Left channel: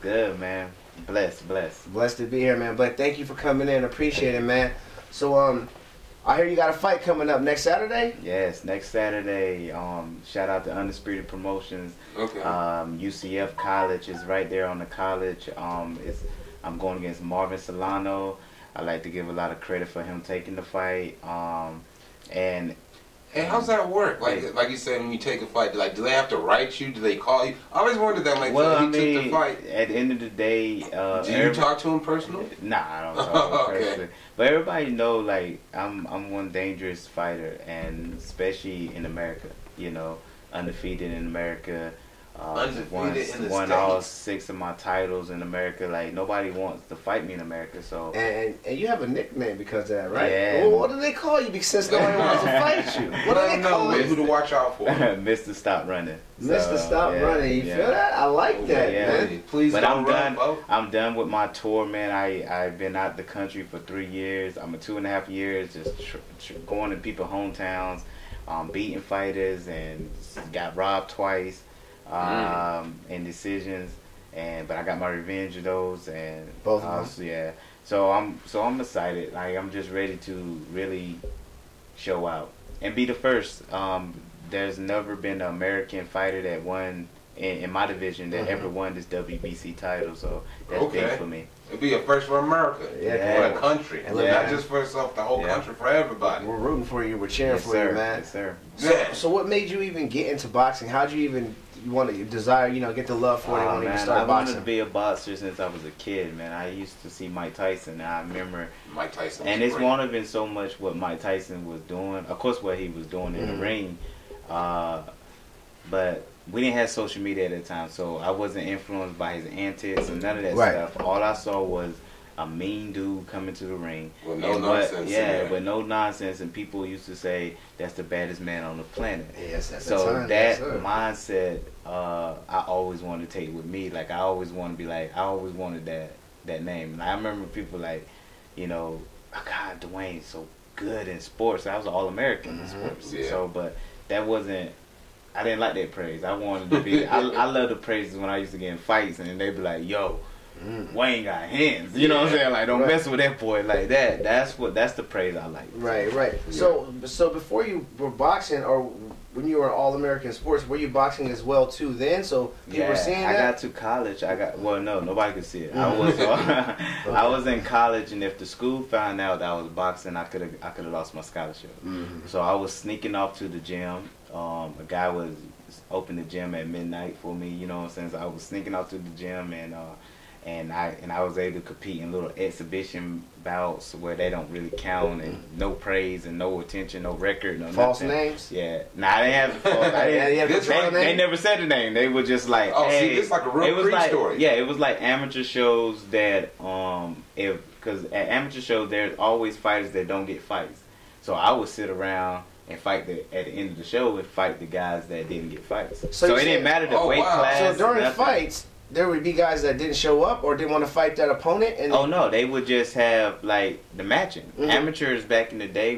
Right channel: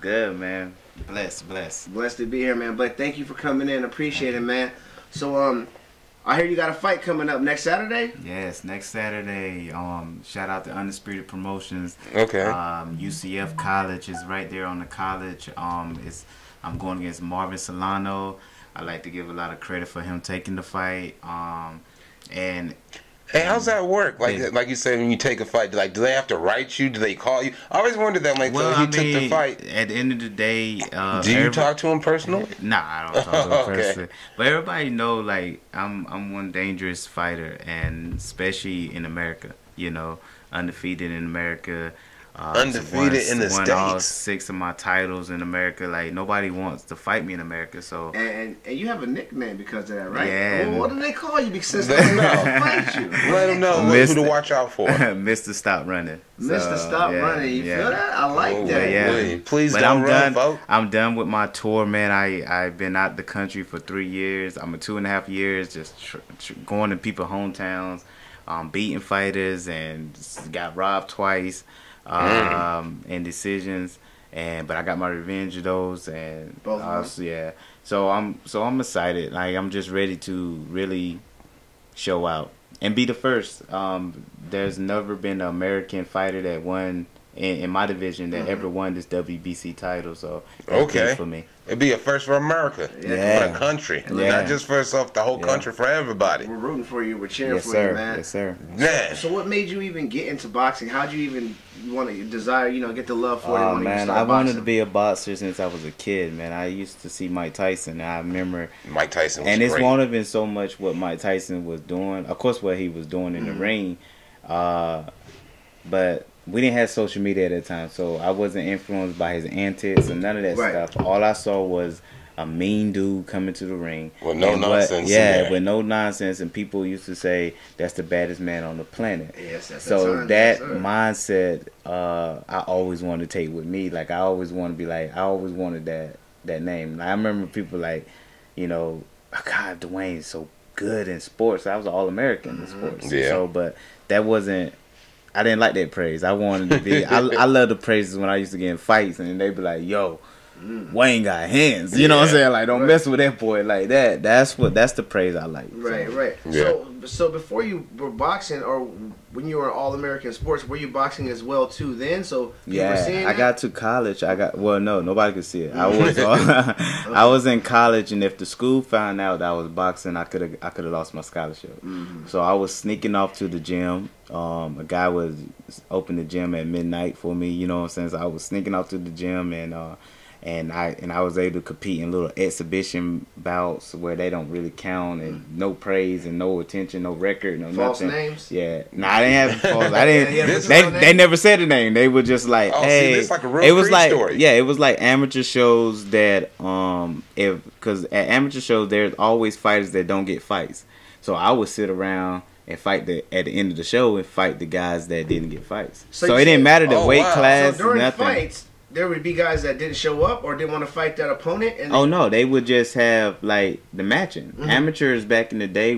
Good, man. Blessed. Blessed to be here, man. But thank you for coming in. Appreciate it, man. So, I hear you got a fight coming up next Saturday? Yes, next Saturday. Shout out to Undisputed Promotions. Okay. UCF College is right there on the college. I'm going against Marvin Solano. I like to give a lot of credit for him taking the fight. And hey, how's that work? Like you said, when you take a fight, like, do they have to write you? Do they call you? I always wondered that. Like, well, took the fight. At the end of the day, do you talk to him personally? Nah, I don't talk to him personally. But everybody know, like, I'm one dangerous fighter, and especially in America. You know, undefeated in America. Undefeated in the won States. all 6 of my titles in America. Like, nobody wants to fight me in America. So and you have a nickname because of that, right? Yeah. Well, what do they call you? Because they don't want to fight you. Let them know who to watch out for. Mr. Stop Running. Mr. Stop Running. You feel that? I like that. Yeah. Please but don't I'm run, done. folks. I'm done with my tour, man. I've been out the country for 3 years. I'm a 2.5 years just going to people's hometowns, beating fighters, and got robbed twice. In decisions, but I got my revenge of those, and both of them. Yeah. So I'm excited. Like, I'm just ready to really show out and be the first. There's never been an American fighter that won in my division that ever won this WBC title. So that's big for me. It'd be a first for America, for the country, not just for yourself, the whole country, for everybody. We're rooting for you. We're cheering for you, man. Yes, sir. So what made you even get into boxing? How'd you even want to desire, get the love for it? Oh, when you man, start I wanted boxing? to be a boxer since I was a kid, man. I used to see Mike Tyson. I remember Mike Tyson was and it's great. won't have been so much what Mike Tyson was doing. Of course, what he was doing in the ring, but we didn't have social media at that time, so I wasn't influenced by his antics and none of that stuff. All I saw was a mean dude coming to the ring with no nonsense. With no nonsense, and people used to say that's the baddest man on the planet. Yes, that's so that mindset, I always wanted to take with me. Like, I always want to be like, I always wanted that name. And I remember people like, God, Dewayne is so good in sports. I was an All-American in sports. Yeah. So, but that wasn't. I didn't like that praise. I wanted to be. I love the praises when I used to get in fights, and they'd be like, "Yo, Wayne got hands." You know what I'm saying? Like, don't mess with that boy like that. That's the praise I like. Right. Yeah. So before you were boxing, or when you were All-American sports, were you boxing as well too then? So you were seeing that? I got to college. No, nobody could see it. I was I was in college, and if the school found out that I was boxing, I could have lost my scholarship. So I was sneaking off to the gym. A guy was opening the gym at midnight for me. You know what I'm saying? So I was sneaking off to the gym, and I was able to compete in little exhibition bouts where they don't really count, and no praise and no attention, no record, no false nothing. names. Yeah, nah, I didn't have false. I didn't. They never said the name. They were just like, hey, see, it's like a real it was like story. Yeah, it was like amateur shows that because at amateur shows there's always fighters that don't get fights. So I would sit around and fight at the end of the show and fight the guys that didn't get fights. So it didn't matter the weight class. So during nothing. fights, there would be guys that didn't show up or didn't want to fight that opponent. And no, they would just have like the matching. Amateurs back in the day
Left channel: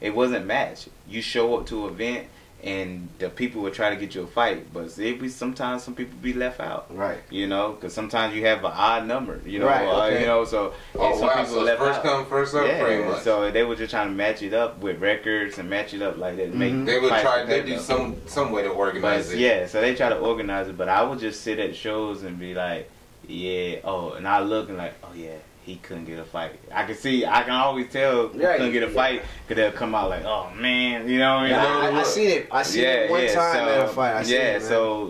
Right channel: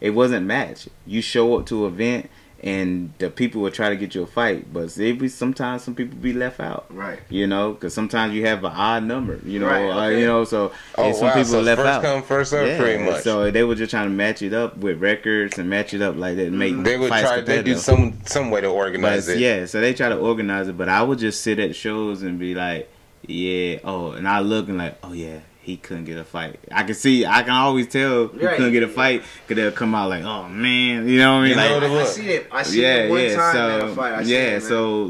it wasn't match. You show up to an event and the people would try to get you a fight, but sometimes some people be left out. Right. Because sometimes you have an odd number. Right. So some people so left first out. Come, first serve, pretty much. So they were just trying to match it up with records and match it up like that. They would try. They do some way to organize it. Yeah, so they try to organize it, but I would just sit at shows and be like, and I look and like, oh yeah, he couldn't get a fight. I can always tell he couldn't get a fight because they'll come out like, oh man, you know what I mean? I seen it. I seen it one time in a fight.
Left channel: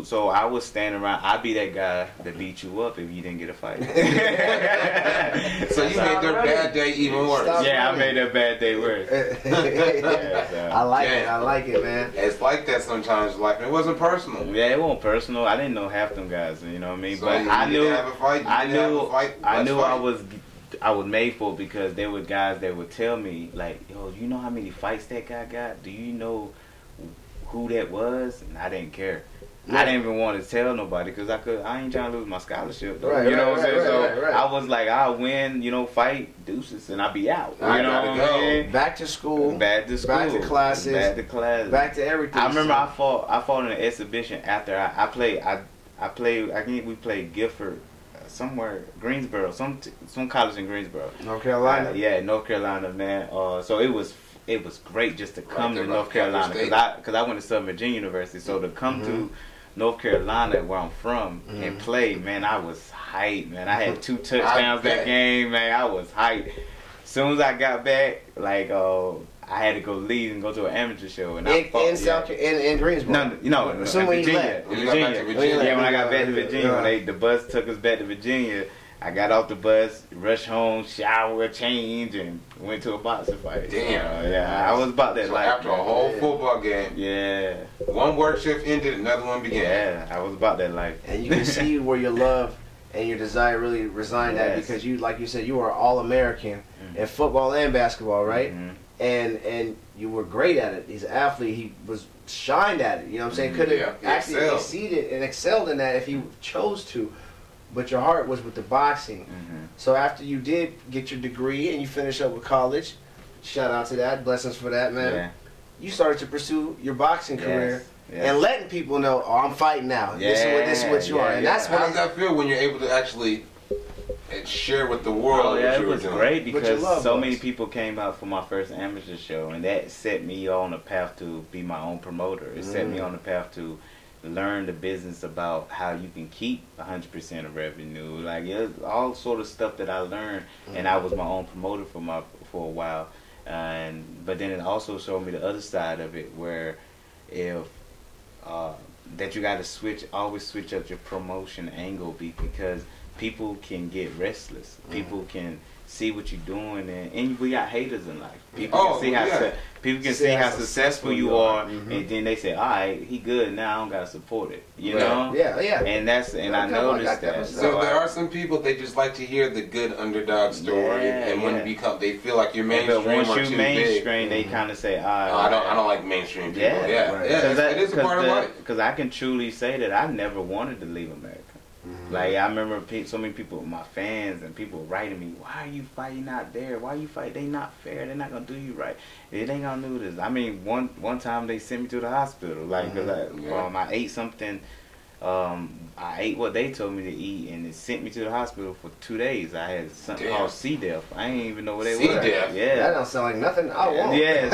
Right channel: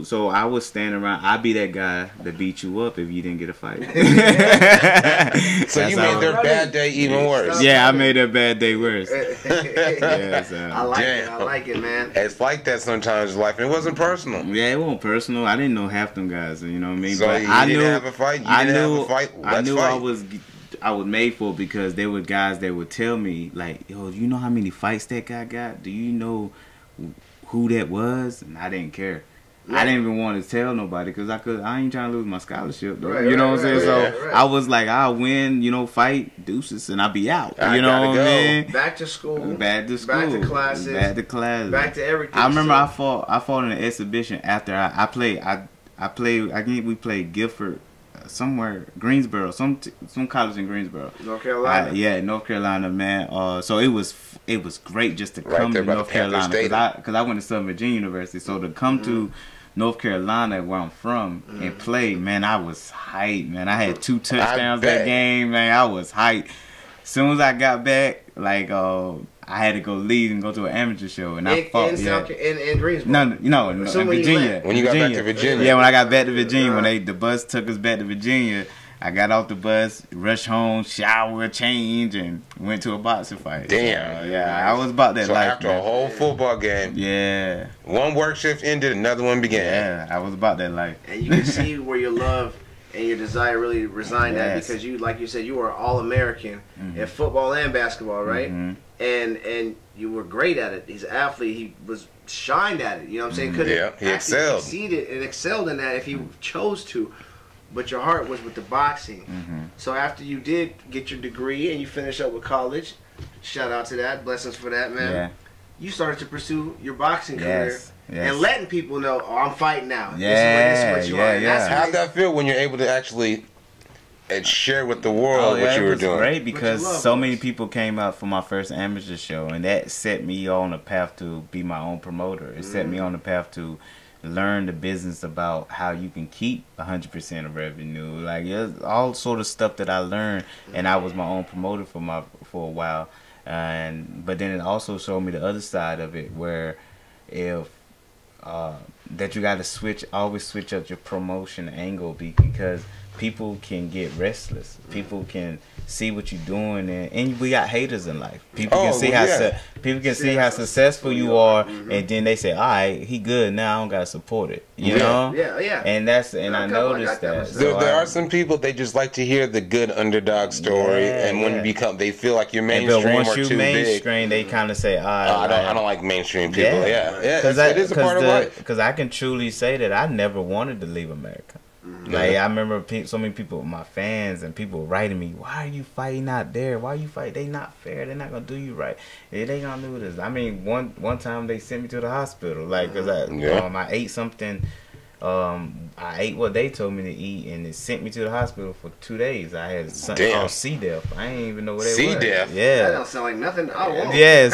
So I was standing around. I'd be that guy that beat you up if you didn't get a fight. So you made their bad day even worse. Yeah, I made their bad day worse. I like it, man. It's like that sometimes in life. It wasn't personal. Yeah, it wasn't personal. I didn't know half them guys. You know what I mean? So but I knew have a fight. I knew I was made for it because there were guys that would tell me like, yo, do you know how many fights that guy got? Do you know who that was? And I didn't care. I didn't even want to tell nobody because I ain't trying to lose my scholarship. You know what I'm saying? So I was like, I'll win, fight, deuces, and I'll be out. You know what I mean? Back to school. Back to school. Back to classes. Back to class. Back to everything. I remember I fought in an exhibition after I played. We played Guilford somewhere Greensboro, some college in Greensboro, North Carolina. Yeah, North Carolina, man. So it was great just to come to North Carolina because I went to Southern Virginia University. So to come to North Carolina, where I'm from, and play, man, I was hyped, man. I had 2 touchdowns that game, man. I was hyped. As soon as I got back, like, I had to go leave and go to an amateur show, and I fought. In Greensboro. No, in Virginia. When you got back to Virginia. Yeah, when I got back to Virginia, when the bus took us back to Virginia, I got off the bus, rushed home, shower, change, and went to a boxing fight. Damn. Yeah, I was about that life. So after a whole football game, yeah, one work shift ended, another one began. Yeah, I was about that life. And you can see where your love and your desire really resigned at, because you, like you said, you were All-American in football and basketball, right? And you were great at it. He's an athlete. He was shined at it. You know what I'm saying? Could have actually succeeded and excelled in that if he chose to. But your heart was with the boxing. So after you did get your degree and you finished up with college, shout out to that. Blessings for that, man. Yeah. You started to pursue your boxing career. And letting people know, oh, I'm fighting now. This is what you are. And that's how does that feel when you're able to actually share with the world what you were doing? Great, because so many people came out for my first amateur show, and that set me on a path to be my own promoter. It set me on the path to learn the business about how you can keep 100% of revenue. Like, all sort of stuff that I learned, and I was my own promoter for a while. But then it also showed me the other side of it, where that you got to always switch up your promotion angle, because people can get restless. People can see what you're doing, and we got haters in life. People can see how successful you are, and then they say, "All right, he good now. I don't gotta support it." You know? Yeah. And I noticed that. There are some people, they just like to hear the good underdog story, and when you they feel like you're mainstream or too big. They kind of say, I don't like mainstream people. It is a part of life. Because I can truly say that I never wanted to leave America. Like, I remember so many people, my fans and people writing me, "Why are you fighting out there? Why you fight? They not fair. They're not gonna do you right. They ain't gonna do this." I mean, one time they sent me to the hospital, like, cause I ate something. I ate what they told me to eat, and it sent me to the hospital for 2 days. I had something called C. diff. I ain't even know what it was. C. diff? Yeah. That don't sound like nothing I want. Yeah,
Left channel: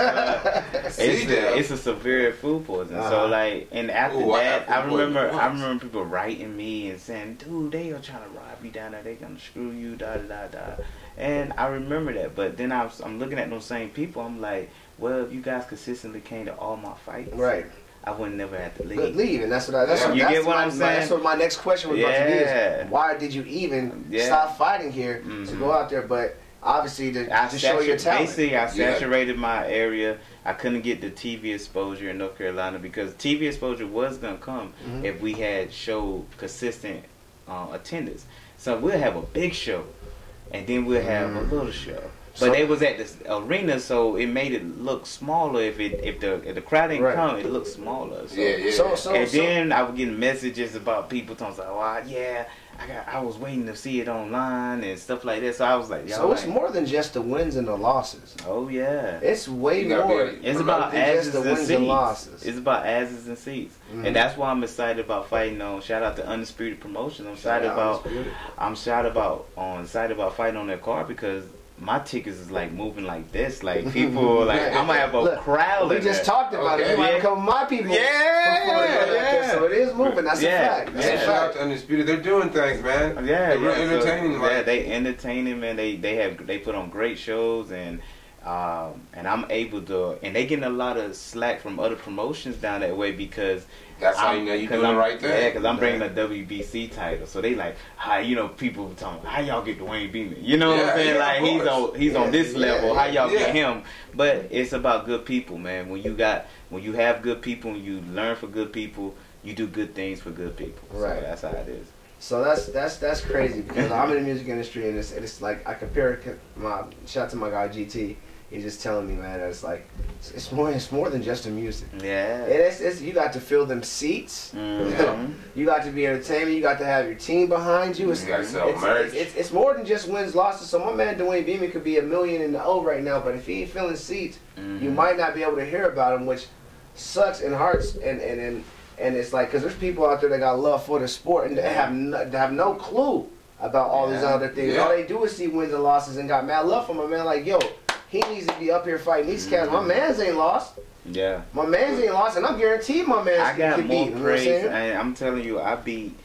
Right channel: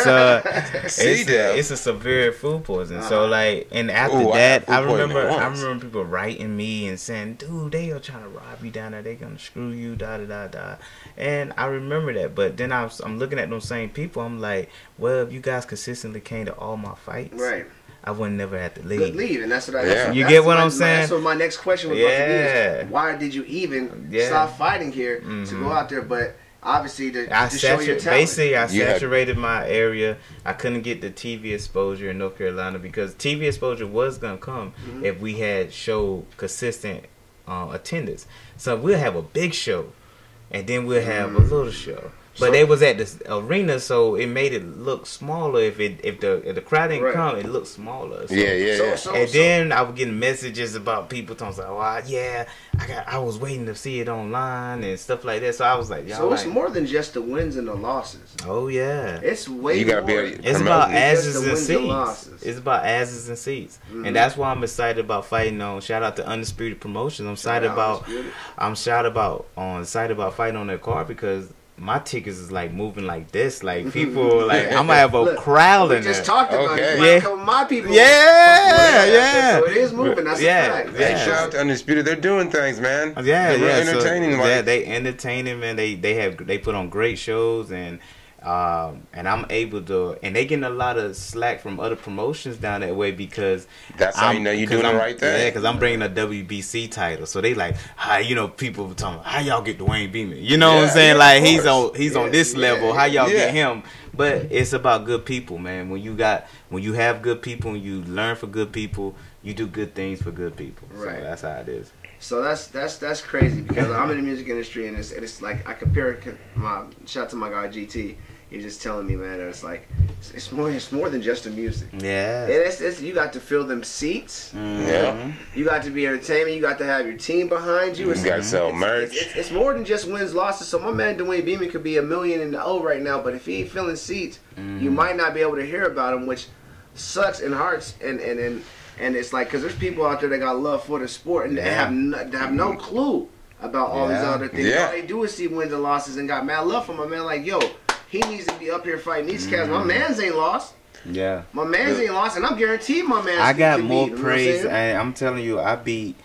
it's a severe food poison. So, like, and after that, I remember people writing me and saying, "Dude, they are trying to rob you down there. They gonna screw you, da da da da." And I remember that, but then I'm looking at those same people. I'm like, well, if you guys consistently came to all my fights, right, I would never have to leave. And that's what you get what I'm saying? So my next question was going to be is, why did you even stop fighting here to go out there? But obviously to show your talent. Basically, I saturated my area. I couldn't get the TV exposure in North Carolina, because TV exposure was going to come if we had showed consistent attendance. So we'll have a big show, and then we'll have a little show. But they was at the arena, so it made it look smaller. If the crowd didn't come, it looked smaller. So, then I was getting messages about people talking like, "Oh, I was waiting to see it online and stuff like that." So I was like, so it's more than just the wins and the losses. Oh yeah, it's way more. It's about asses and seats. It's about asses and seats, and that's why I'm excited about fighting on. Shout out to Undisputed Promotions. I'm excited about fighting on that card, because my tickets is like moving like this. Like, people like, I'm gonna have a crowd in there. We just talked about it. A couple of my people. Yeah. So it is moving. That's a fact. Yeah. Shout out to Undisputed. They're doing things, man. They're entertaining. So, they entertaining, man. They put on great shows, and I'm able to, and they getting a lot of slack from other promotions down that way, because that's how you know you're doing the right thing. Yeah, because I'm bringing a WBC title, so they like, how, people talking, how y'all get Dewayne Beamon? You know what I'm saying? Like, he's on this level. How y'all get him? But it's about good people, man. When you have good people and you learn for good people, you do good things for good people. Right. So that's how it is. So that's crazy, because I'm in the music industry, and it's like, I compare shout out to my guy GT. He's just telling me, man, that it's more than just the music. Yeah. You got to fill them seats. You got to be entertainment. You got to have your team behind you. You got to sell merch. It's more than just wins, losses. So my man Dewayne Beamon could be $1 million in the O right now, but if he ain't filling seats, you might not be able to hear about him, which sucks and hurts. And it's like, because there's people out there that got love for the sport and have no clue about all these other things. Yeah. All they do is see wins and losses and got mad love from my man. Like, yo, he needs to be up here fighting these cats. My mans ain't lost. Yeah. My mans ain't lost, and I'm guaranteed my mans. I got more beat, praise, you know and I'm telling you, I beat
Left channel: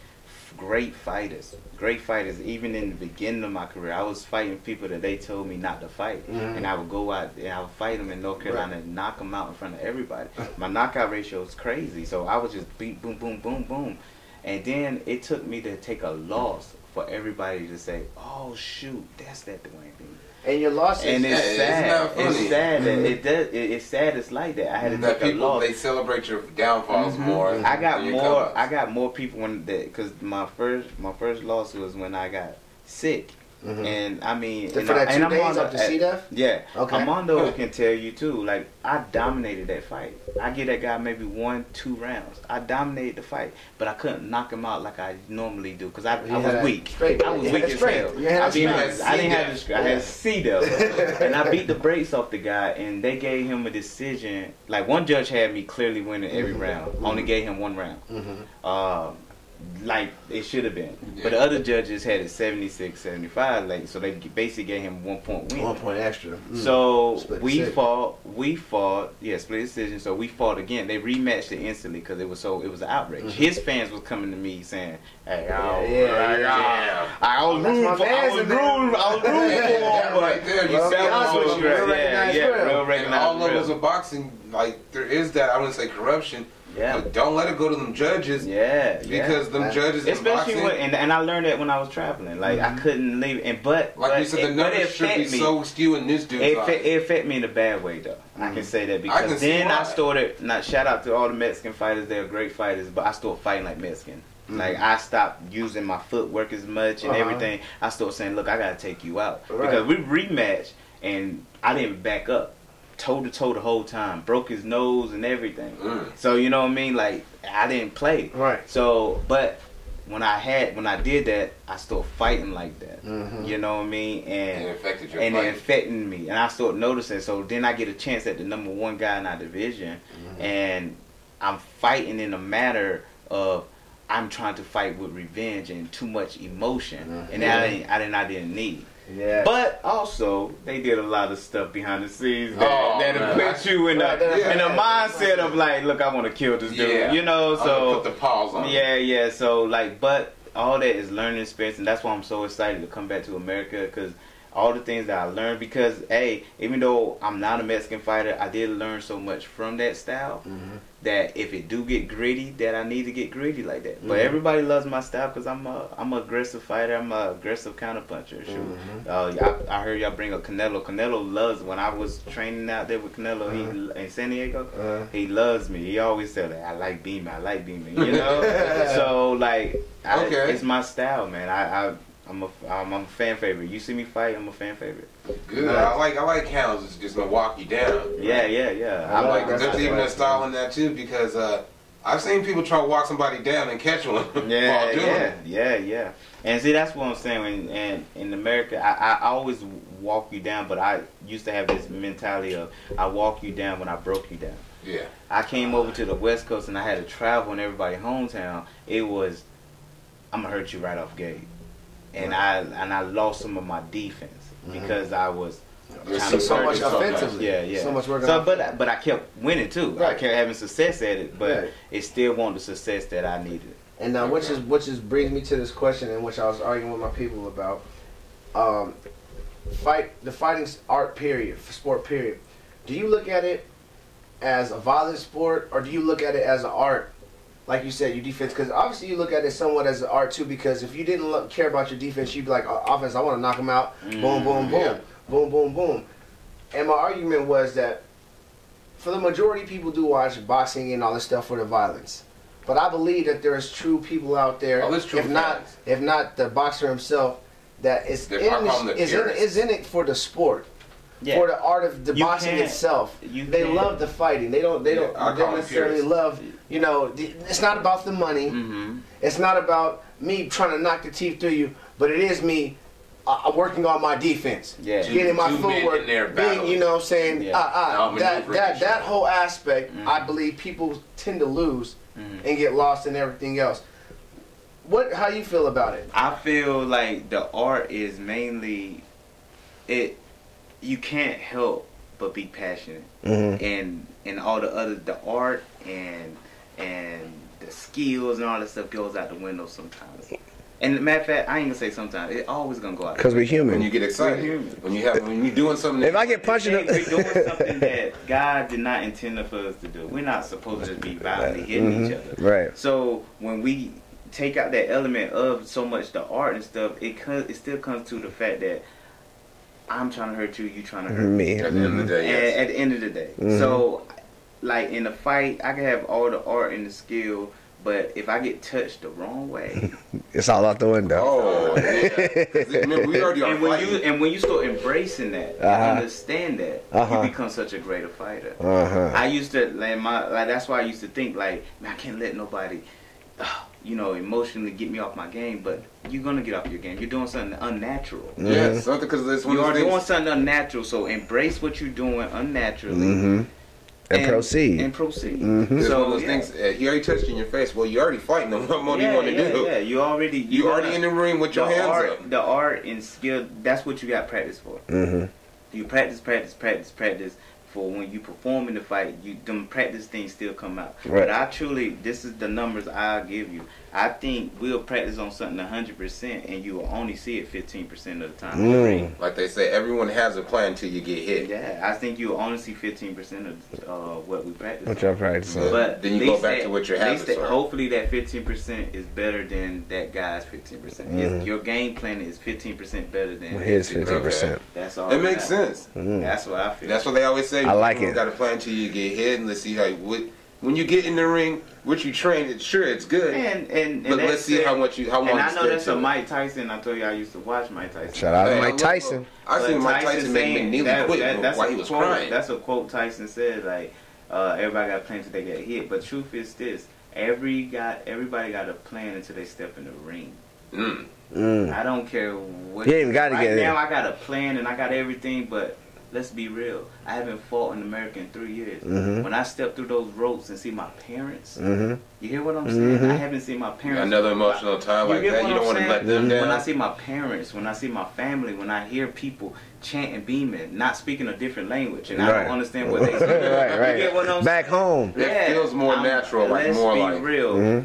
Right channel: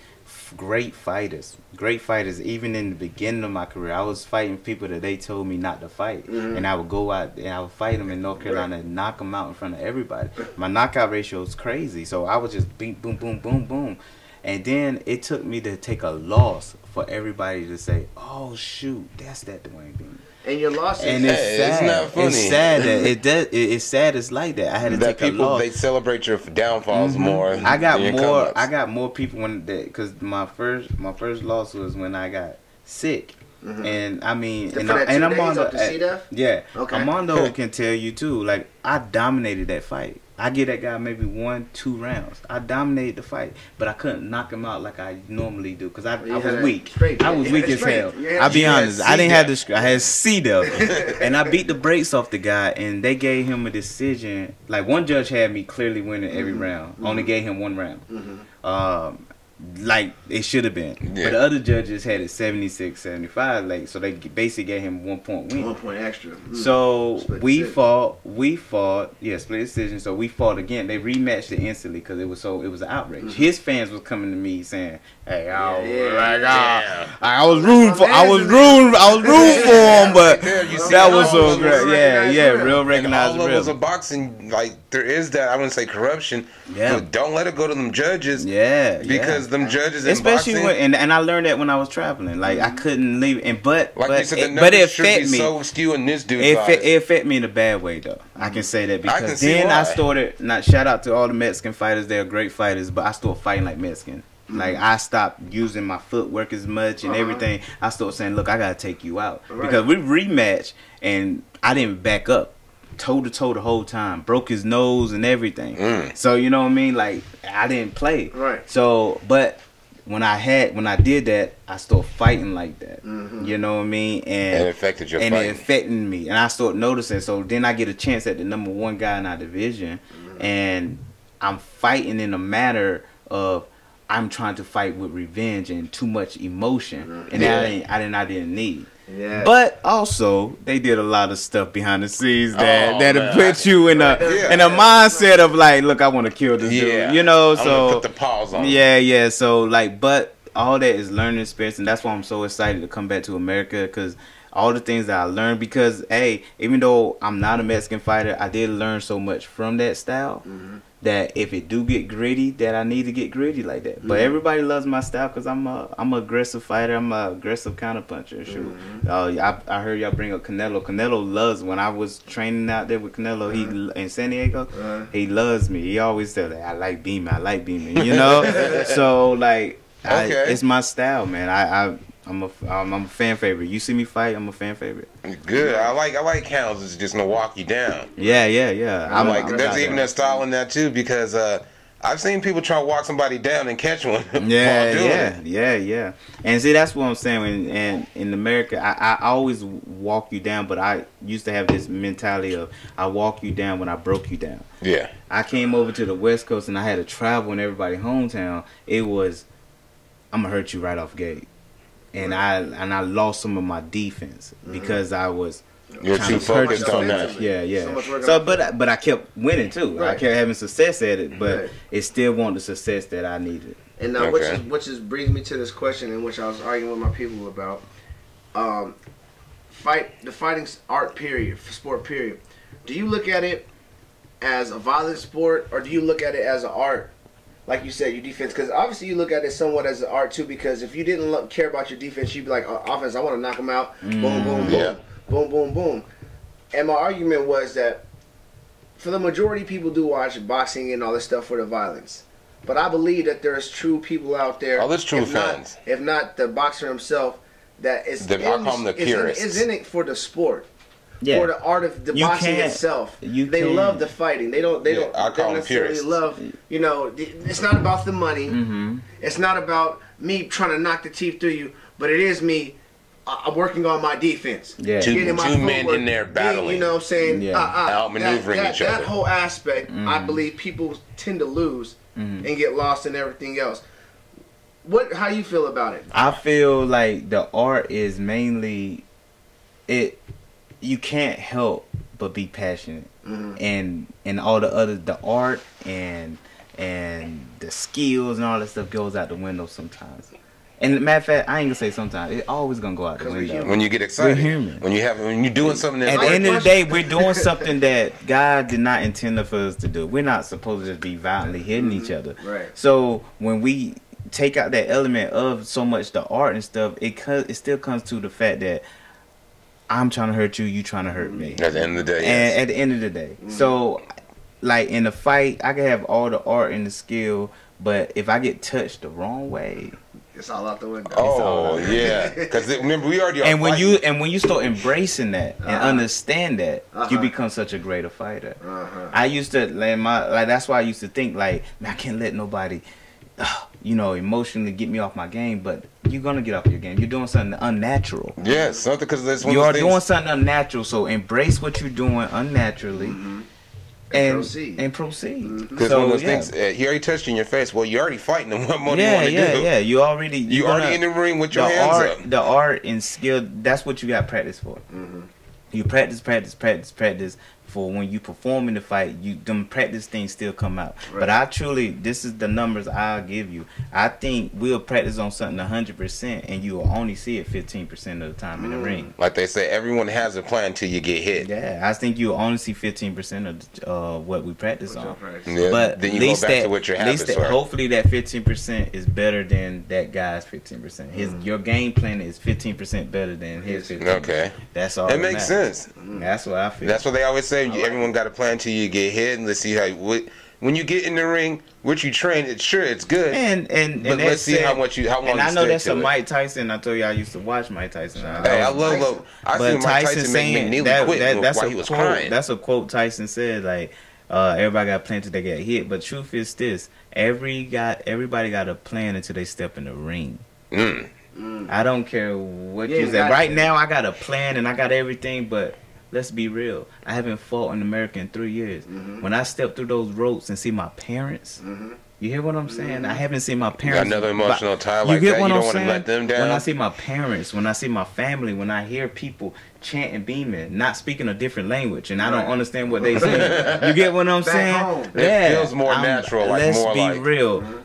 great fighters. Great fighters. Even in the beginning of my career, I was fighting people that they told me not to fight, and I would go out and I would fight them in North Carolina and knock them out in front of everybody. My knockout ratio was crazy, so I would just beat, boom, boom, boom, boom, and then it took me to take a loss for everybody to say, "Oh shoot, that's that Dewayne Beamon." And your losses, and it's sad. It's sad that it does. It's sad. It's like that. I had to that take people a loss. they celebrate your downfalls more. I got than your more. come-ups. I got more people when because my first loss was when I got sick, and I mean, and Armando, yeah, okay. Armando can tell you too. Like I dominated that fight. I give that guy maybe 1-2 rounds. I dominated the fight, but I couldn't knock him out like I normally do because I was weak. I was weak as hell. I'll be honest. I didn't have the strength. I had C-Dub, and I beat the brakes off the guy, and they gave him a decision. Like one judge had me clearly winning every round. Only gave him 1 round. Like it should have been, but the other judges had it 76-75. Like so, they basically gave him 1 point win. 1 point extra. So we fought. Yeah, split decision. So we fought again. They rematched it instantly because it was an outrage. His fans was coming to me saying, "Hey, I was rooting for him, but that was so great. Yeah, real recognized real." All levels of boxing, like there is that I wouldn't say corruption. Yeah, but don't let it go to them judges. Yeah, because them judges, especially in boxing, and I learned that when I was traveling. Like I couldn't leave it. And but you said, it affected me. So skewing this dude. It affected me in a bad way though. I can say that because then I started. Not shout out to all the Mexican fighters. They're great fighters, but I started fighting like Mexican. Like I stopped using my footwork as much and everything. I started saying, "Look, I gotta take you out because we rematched and I didn't back up, toe to toe the whole time. Broke his nose and everything. So you know what I mean? Like I didn't play. Right. So, but when I did that, I started fighting like that. You know what I mean? And it affected your fight. And it affected me, and I started noticing. So then I get a chance at the #1 guy in our division, and I'm fighting in a matter of. I'm trying to fight with revenge and too much emotion, and I didn't need. Yeah. But also, they did a lot of stuff behind the scenes that put you in a mindset of like, look, I want to kill this dude, you know. So put the pause on. Yeah. So like, but all that is learning experience, and that's why I'm so excited to come back to America because all the things that I learned. Because hey, even though I'm not a Mexican fighter, I did learn so much from that style. That if it do get gritty, that I need to get gritty like that. But everybody loves my style because I'm an aggressive fighter. I'm an aggressive counter puncher. I heard y'all bring up Canelo. Canelo loves when I was training out there with Canelo. He in San Diego. He loves me. He always says, "I like Beamon. I like Beamon." You know. So like, it's my style, man. I'm a fan favorite. You see me fight, I'm a fan favorite. Good. I like counts. It's just gonna walk you down. Yeah. I'm like, there's even a style in that too because I've seen people try to walk somebody down and catch one. Yeah. And see, that's what I'm saying. And in America, I always walk you down, but I used to have this mentality of I walk you down when I broke you down. Yeah. I came over to the West Coast and I had to travel in everybody's hometown. It was, I'm gonna hurt you right off gate. And I lost some of my defense because I was kind of focused on that. Yeah. So but I kept winning too. I kept having success at it, but it still wasn't the success that I needed. And now, which brings me to this question, in which I was arguing with my people about the fighting art period, sport period. Do you look at it as a violent sport, or do you look at it as an art? Like you said, your defense, because obviously you look at it somewhat as an art too, because if you didn't care about your defense, you'd be like, offense, I want to knock him out, boom, boom, boom, boom, boom, boom. And my argument was that for the majority, people do watch boxing and all this stuff for the violence. But I believe that there's true people out there, if not the boxer himself, that is in it for the sport. For the art of the boxing itself. They love the fighting. They don't necessarily love, you know, it's not about the money. It's not about me trying to knock the teeth through you, but it is me working on my defense. Two men in there battling. You know what I'm saying? That whole aspect, I believe people tend to lose and get lost in everything else. How you feel about it? I feel like the art is mainly it. You can't help but be passionate, and all the art and the skills and all that stuff goes out the window sometimes. And matter of fact, I ain't gonna say sometimes. It's always gonna go out. Because we're human. When you get excited. We're human. When you're doing something at the end of the day, we're doing something that God did not intend for us to do. We're not supposed to be violently hitting each other. Right. So when we take out that element of so much the art and stuff, it still comes to the fact that I'm trying to hurt you, you trying to hurt me. At the end of the day. And at the end of the day. So like in a fight, I can have all the art and the skill, but if I get touched the wrong way, it's all out the window. Oh yeah, because remember we already are and fighting. when you start embracing that and understand that, you become such a greater fighter. I used to that's why I used to think like, man, I can't let nobody, emotionally get me off my game. But you're gonna get off your game. You're doing something unnatural. Yeah, something because this one. You are doing something unnatural. So embrace what you're doing unnaturally. And proceed. Because one of those things, he already touched you in your face. Well, you're already fighting him. What more do you want to do? Yeah, you already in the ring with your hands up. The art and skill, that's what you got practice for. You practice for when you perform in the fight, them practice things still come out. Right. But this is the numbers I'll give you. I think we'll practice on something 100% and you will only see it 15% of the time in the ring. Like they say, everyone has a plan until you get hit. Yeah, I think you'll only see 15% of what we practice on. Yeah. But then you go back to what your habits are. Hopefully that 15% is better than that guy's 15%. Your game plan is 15% better than his 15%. Okay. That's all. It makes sense. That's what I feel. That's what they always say. Everyone got a plan until you get hit, and let's see how when you get in the ring, what you train, it's good. But let's see how long. And I know that's a Mike Tyson. I told you I used to watch Mike Tyson. Shout out Mike Tyson. I seen Mike Tyson make me nearly quit that's while he was crying. That's a quote Tyson said. Like everybody got a plan until they get hit. But truth is this: everybody got a plan until they step in the ring. I don't care what you say. Right now, I got a plan and I got everything, but. Let's be real. I haven't fought in America in 3 years. When I step through those ropes and see my parents, you hear what I'm saying? I haven't seen my parents. Got another emotional tie like that. You don't want to let them down. When I see my parents, when I see my family, when I hear people chanting Beamon, not speaking a different language, and I don't understand what they say. You get what I'm saying? Home. It feels more natural. Let's be real.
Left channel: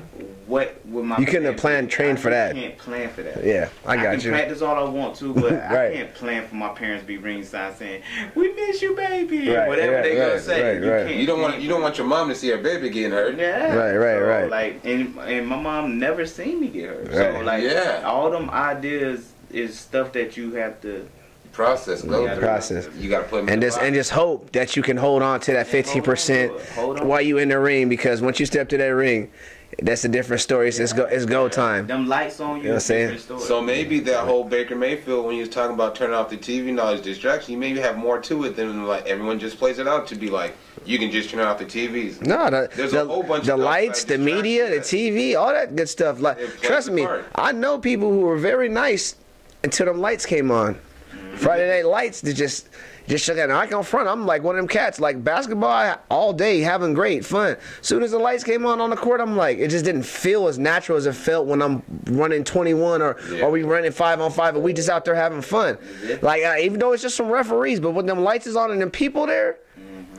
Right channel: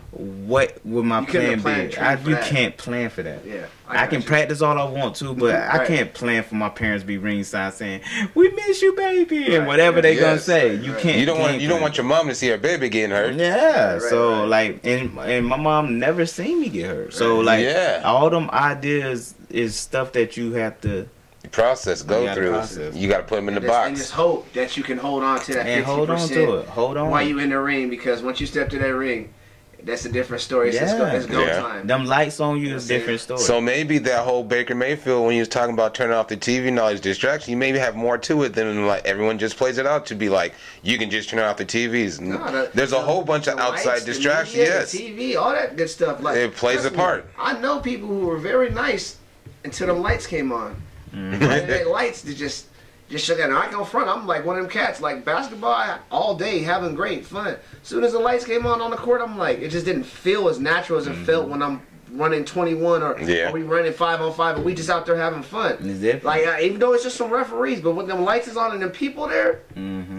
What would my plan be? Train for that. You can't plan for that. Yeah, I can practice all I want to, but I can't plan for my parents to be ringside saying, "We miss you, baby," and whatever they gonna say. You can't. You don't want your mom to see her baby getting hurt. Yeah. So like, and my mom never seen me get hurt. So like, all them ideas is stuff that you have to. Go through. You got to put them in the box. And just hope that you can hold on to that 15% while you in the ring, because once you step to that ring, that's a different story. It's go time. Them lights on you, it's a different story. So maybe that whole Baker Mayfield, when you was talking about turning off the TV and all these distractions, you maybe have more to it than like everyone just plays it out to be like you can just turn off the TVs. No, there's a whole bunch of outside lights, distractions. The media, the TV, all that good stuff. Like it plays a part. I know people who were very nice until them lights came on. Friday Night Lights, they just shut down. I ain't gonna front. I'm like one of them cats, like basketball all day, having great fun. Soon as the lights came on the court, I'm like, it just didn't feel as natural as it felt when I'm running 21 or we running 5-on-5 and we just out there having fun. Like even though it's just some referees, but when them lights is on and the people there,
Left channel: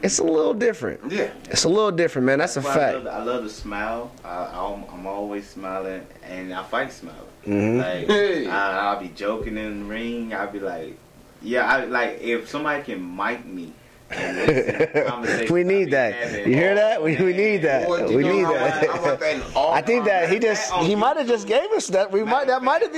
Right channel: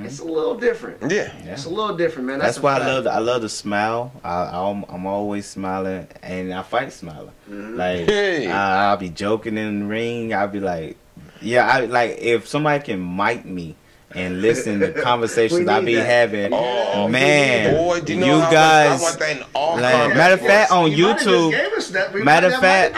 it's a little different. Yeah, it's a little different, man. That's why fact. I love to smile. I'm always smiling, and I fight smiling. Like I'll be joking in the ring. I'll be like. Yeah, I like if somebody can mic me and listen to conversations I be having. Oh man, boy, you guys. Matter of fact, on YouTube. Matter of fact,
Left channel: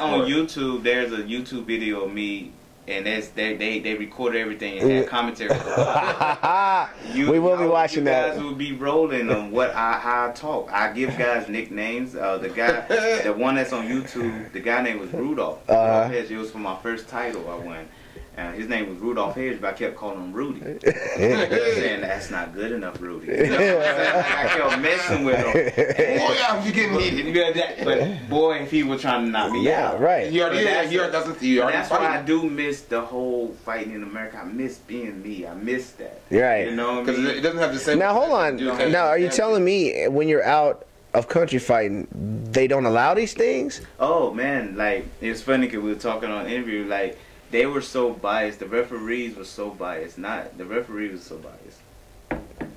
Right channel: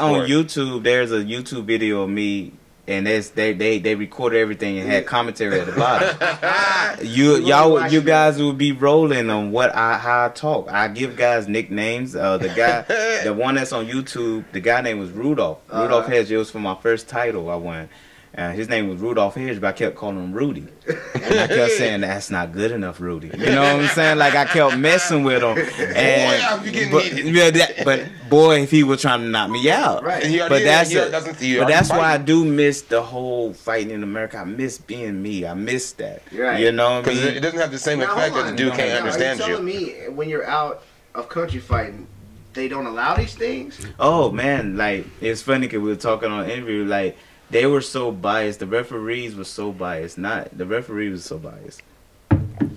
on YouTube, there's a YouTube video of me. And they recorded everything and had commentary at the bottom. You guys will be rolling on how I talk. I give guys nicknames. The one that's on YouTube, the guy name was Rudolph. Rudolph Hedge. It was for my first title I won. His name was Rudolph Hedge, but I kept calling him Rudy. I kept saying, that's not good enough, Rudy. You know what I'm saying? Like, I kept messing with him. But boy, if he was trying to knock me out. Right. But that's why I do miss the whole fighting in America. I miss being me. I miss that. Right. You know what I mean? Because it doesn't have the same effect as the dude can't understand you. Are you telling me when you're out of country fighting, they don't allow these things? Oh man, like it's funny because we were talking on interview, like they were so biased. The referees were so biased. Not the referee was so biased.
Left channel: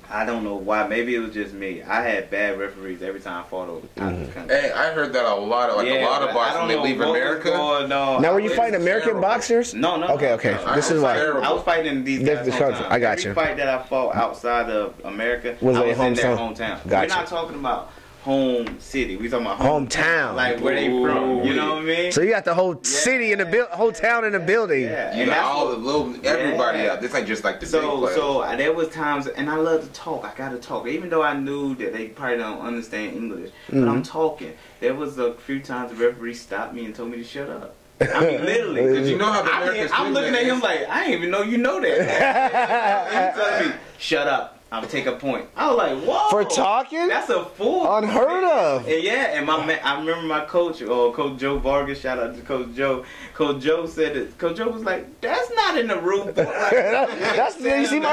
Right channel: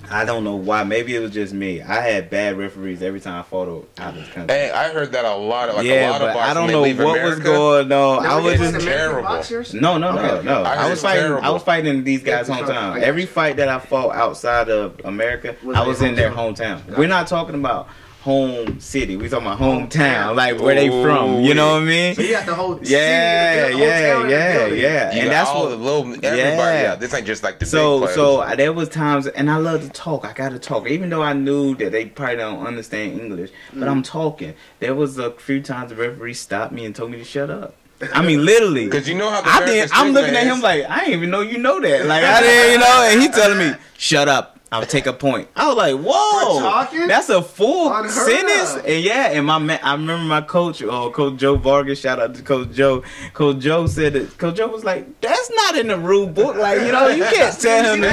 I don't know why. Maybe it was just me. I had bad referees every time I fought out of the country. Hey, I heard that a lot. Like yeah, a lot of boxers. I don't know leave what America. was going on. Now, I was American terrible. boxers? No. Okay. I was fighting these guys' hometown. Every fight that I fought outside of America, I was in their hometown. Gotcha. We're not talking about home city. We talking about hometown, like where they from. You know what I mean? So you got the whole city in the building, hometown in the building. Yeah. You And got that's all what. the little everybody. Yeah, this ain't just like the big players. So there was times, and I love to talk. I got to talk, even though I knew that they probably don't understand English. But I'm talking. There was a few times the referee stopped me and told me to shut up. I mean, literally, Because you know how the American I'm looking street at him is. like I didn't even know you know that. Like I didn't, and he telling me shut up. I'll take a point. I was like, whoa. For talking? That's a full Unheard sentence. of. And yeah, and my man, I remember my coach, Coach Joe Vargas, shout out to Coach Joe. Coach Joe said that, Coach Joe was like, that's not in the rule book. Like, you can't tell him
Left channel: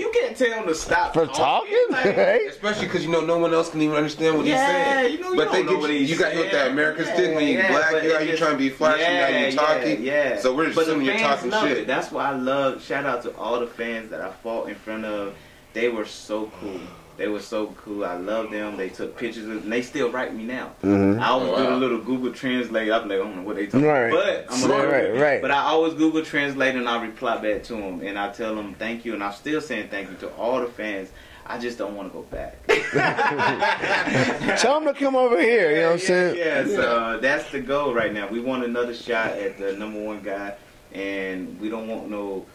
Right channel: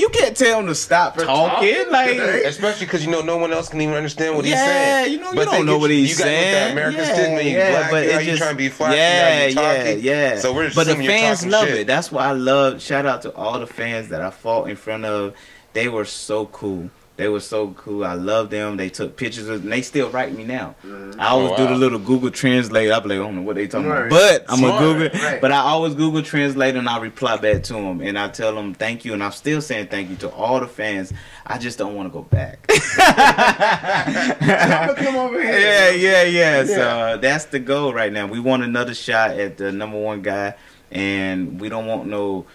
you can't tell him to stop talking. Like, Especially because no one else can even understand what he's saying. you don't know what he's saying. You got that American stigma. You black, you trying to be flashy, now you talking. Yeah. So we're But the assuming you're fans talking love shit. it. That's why I love. Shout out to all the fans that I fought in front of. They were so cool. They were so cool. I love them. They took pictures of, and they still write me now. I always do the little Google Translate. I'm like, I don't know what they talking about, but I'm gonna Google. Right. But I always Google Translate and I reply back to them, and I tell them thank you, and I'm still saying thank you to all the fans. I just don't want to go back. Come over here. Yeah. So that's the goal right now. We want another shot at the #1 guy, and we don't want no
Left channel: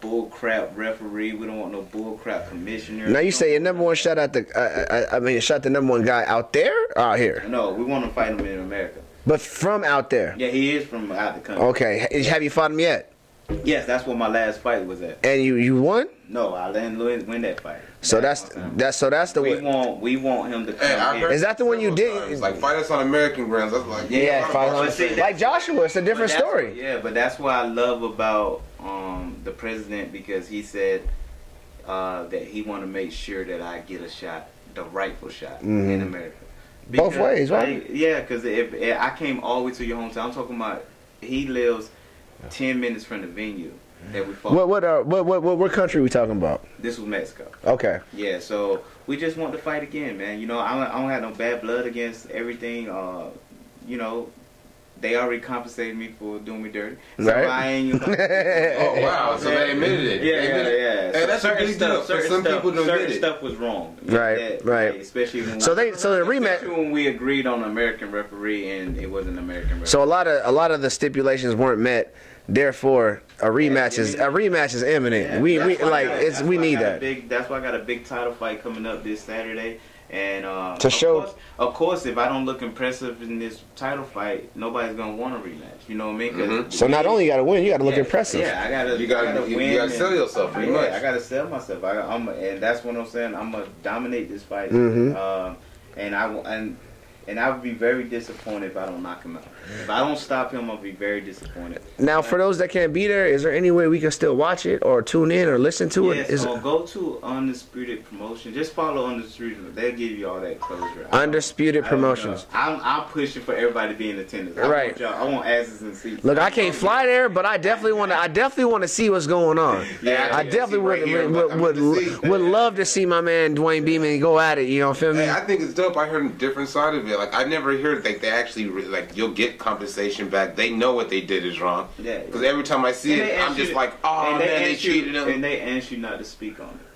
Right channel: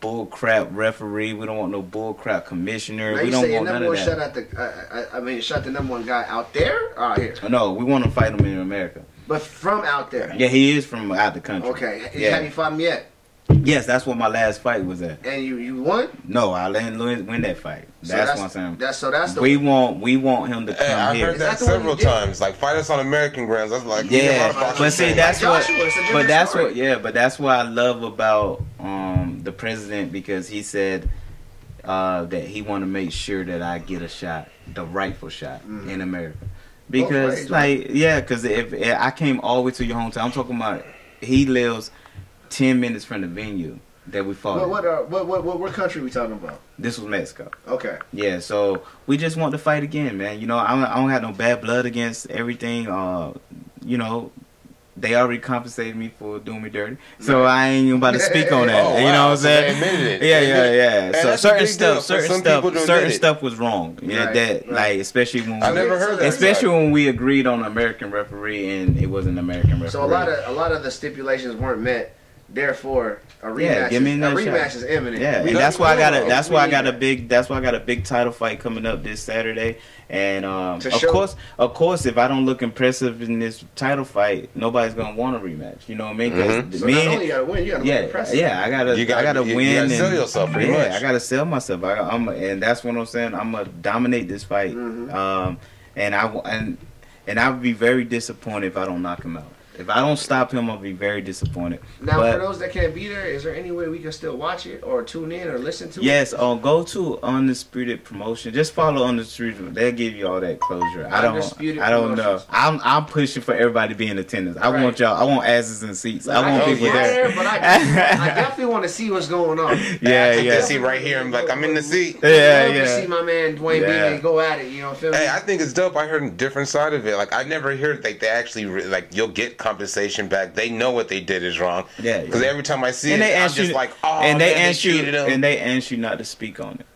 bull crap referee. We don't want no bull crap commissioner. Now we you don't say your want none of #1 that. shot at the, shot the #1 guy out there or out here? No, we want to fight him in America. But from out there. Yeah, he is from out the country. Okay. Yeah. Have you fought him yet? Yes, that's what my last fight was at. And you won? No, I didn't win that fight. So that's what I'm saying. that's the we want him to come Hey, I've here. heard Is that that the one you several did? times. Like, fight us on American grounds. That's like, Yeah, but but see, that's what. Joshua, it's a different But that's story. what. Yeah, but that's what I love about the president, because he said that he want to make sure that I get a shot, the rightful shot in America. Because ways, right? because if I came all the way to your hometown, I'm talking about he lives 10 minutes from the venue that we fought. What country are we talking about? This was Mexico. Okay. Yeah, so we just want to fight again, man. I don't have no bad blood against everything. They already compensated me for doing me dirty, so Right. I ain't even about to speak on that. Oh, You know wow. what I'm So they saying? admitted it. Yeah. Hey, So that's a big deal. certain Some people don't admit it. stuff was wrong. Right. Like especially when I never heard of especially when we agreed on an American referee and it wasn't an American referee. So a lot of the stipulations weren't met. Therefore, a rematch give me that is imminent. Yeah, that's why I got a big title fight coming up this Saturday. And of course, if I don't look impressive in this title fight, nobody's gonna want a rematch. You know what I mean? So not only you gotta win, you gotta look impressive. Yeah, I gotta win. You gotta sell yourself pretty much. I gotta sell myself. And that's what I'm saying. I'm gonna dominate this fight. And I would be very disappointed if I don't knock him out. If I don't stop him, I'll be very disappointed. Now, for those that can't be there, is there any way we can still watch it or tune in or listen to it? Yes, go to Undisputed Promotion. Just follow Undisputed. They'll give you all that closure. Undisputed Promotions. I'm pushing for everybody to be in attendance. I want y'all. I want asses and seats. Look, I can't fly there, but I definitely want to see what's going on. I see right here. Like, I'm in the seat. Would love to see my man Dewayne Beamon go at it. You know, feel me? Hey, I think it's dope. I heard a different side of it. Like, I never heard that they actually you'll get compensation back. They know what they did is wrong. Yeah. Because every time I see and it, I'm just like, oh, and man, they ask you, cheated him. and they ask you not to speak on it.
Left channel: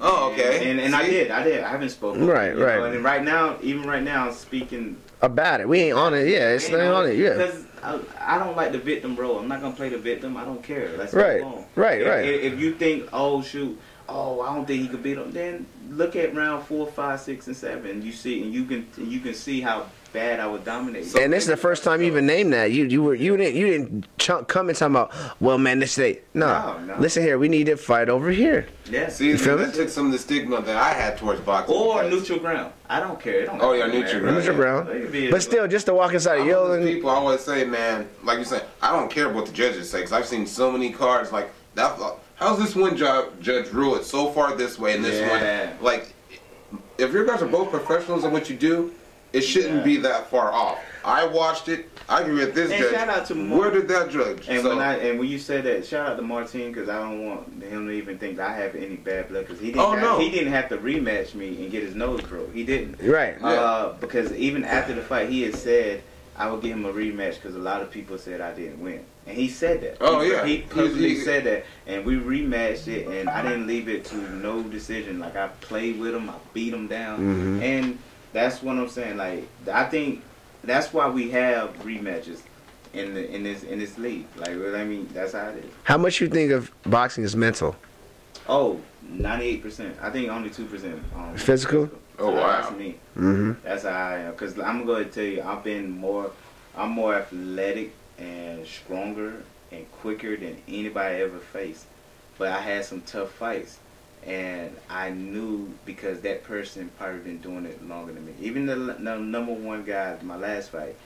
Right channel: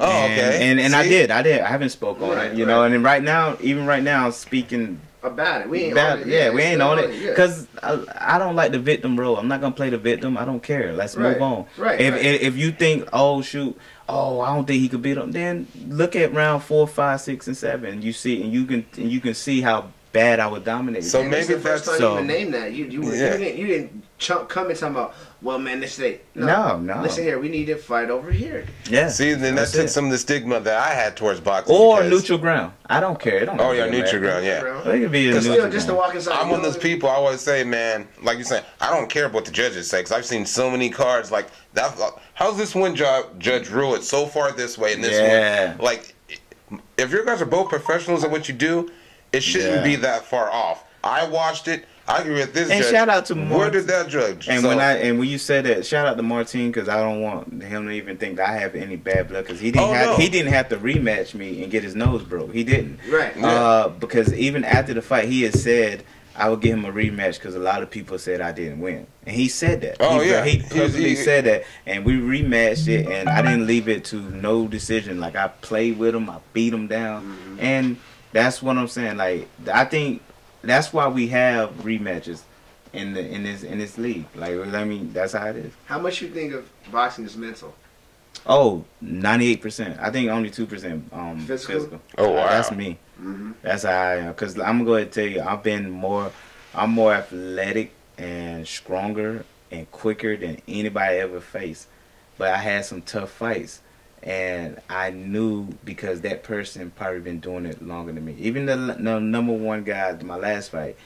Oh, okay. And I did. I haven't spoken on it. You know, and then even right now, I'm speaking about it. We ain't on it. Yeah, we ain't on it. Because I don't like the victim role. I'm not gonna play the victim. I don't care. Let's move on. Right. If you think, I don't think he could beat him, then look at round 4, 5, 6, and 7. You see, and you can see how bad I was dominating. So and this is the first time you even named that. You didn't come and talk about, well, man, this ain't no. Listen here, we need to fight over here. Yeah. See, then that took some of the stigma that I had towards boxing. Or neutral ground. I don't care. Neutral ground. Neutral ground. It could be but still, just to walk inside. I'm one of those people. I always say, man, like you said, I don't care what the judges say, because I've seen so many cards like that. How's this one judge rule it so far this way and this one? Like, if you guys are both professionals at what you do, it shouldn't be that far off. I watched it. I agree with this. And judge. shout out to where did that judge? And when you said that, shout out to Martin, because I don't want him to even think that I have any bad blood, because he didn't have to rematch me and get his nose broke. He didn't. Right. Because even after the fight, he had said I would give him a rematch because a lot of people said I didn't win, and he said that. He publicly said that, and we rematched it, and I didn't leave it to no decision. Like, I played with him, I beat him down, and that's what I'm saying. Like, I think that's why we have rematches in this league. Like, I mean, that's how it is. How much you think of boxing is mental? Oh, 98%. I think only 2% physical. Oh, wow. That's me. That's how I am. Because I'm gonna go ahead and tell you, I'm more athletic and stronger and quicker than anybody ever faced. But I had some tough fights. And I knew, because that person probably been doing it longer than me. Even the number one guy, my last fight,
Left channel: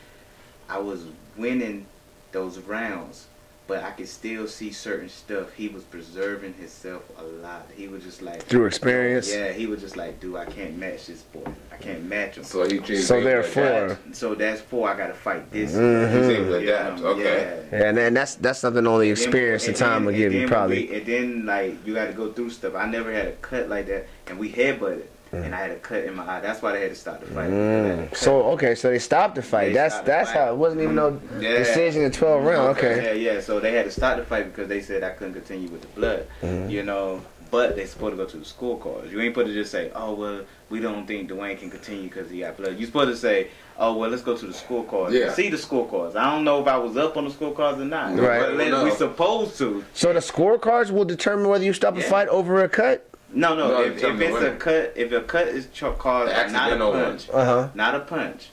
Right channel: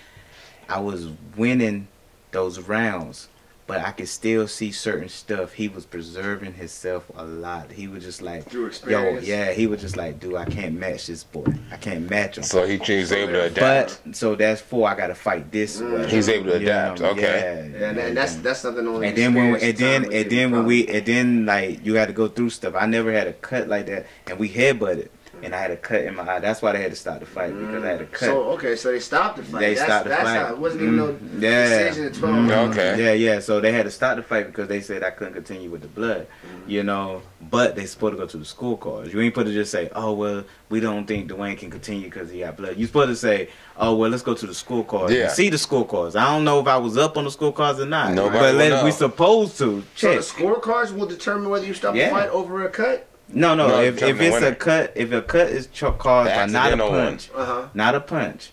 I was winning those rounds, but I could still see certain stuff. He was preserving himself a lot. He was just like, through experience. He was just like, dude, I can't match this boy. I can't match him. So he changed so able to adapt. So that's I got to fight this. He's able to adapt. Okay. Yeah, and that's something only experience and time will give you. And then like you got to go through stuff. I never had a cut like that, and we headbutted. And I had a cut in my eye. That's why they had to stop the fight. Because I had a cut. So they stopped the fight. That's how it wasn't even no decision in 12 rounds. Okay. Yeah. So they had to stop the fight because they said I couldn't continue with the blood. You know, but they supposed to go to the scorecards. You ain't supposed to just say, oh well, we don't think Dewayne can continue because he got blood. You supposed to say, oh well, let's go to the scorecards. Yeah. See the scorecards. I don't know if I was up on the scorecards or not. Nobody will know. We supposed to. So the scorecards will determine whether you stop the fight over a cut. No. If it's a cut, if a cut is caused by not a punch,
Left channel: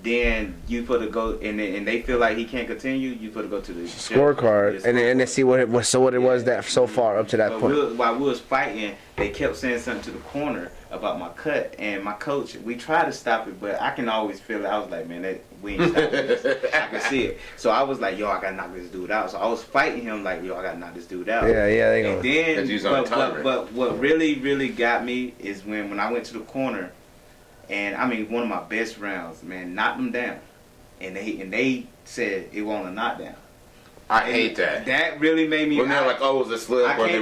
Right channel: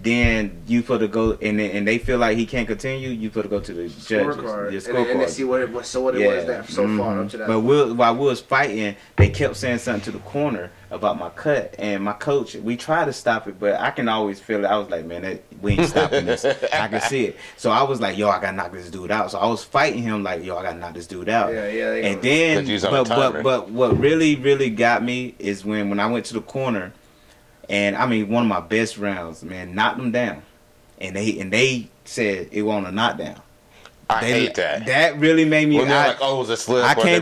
then you put to go and they feel like he can't continue. You put to go to the scorecard, and they see what it was that so far up to that point. While we was fighting, they kept saying something to the corner about my cut, and my coach. We tried to stop it, but I can always feel it. I was like, man, we ain't stopping this. I can see it. So I was like, yo, I gotta knock this dude out. So I was fighting him like, yo, I gotta knock this dude out. Yeah. And then, but what really got me is when I went to the corner. And I mean, one of my best rounds, man, knocked them down, and they said it wasn't a knockdown. I hate that. That really made me. When they're like, "Oh, it was a slip." I came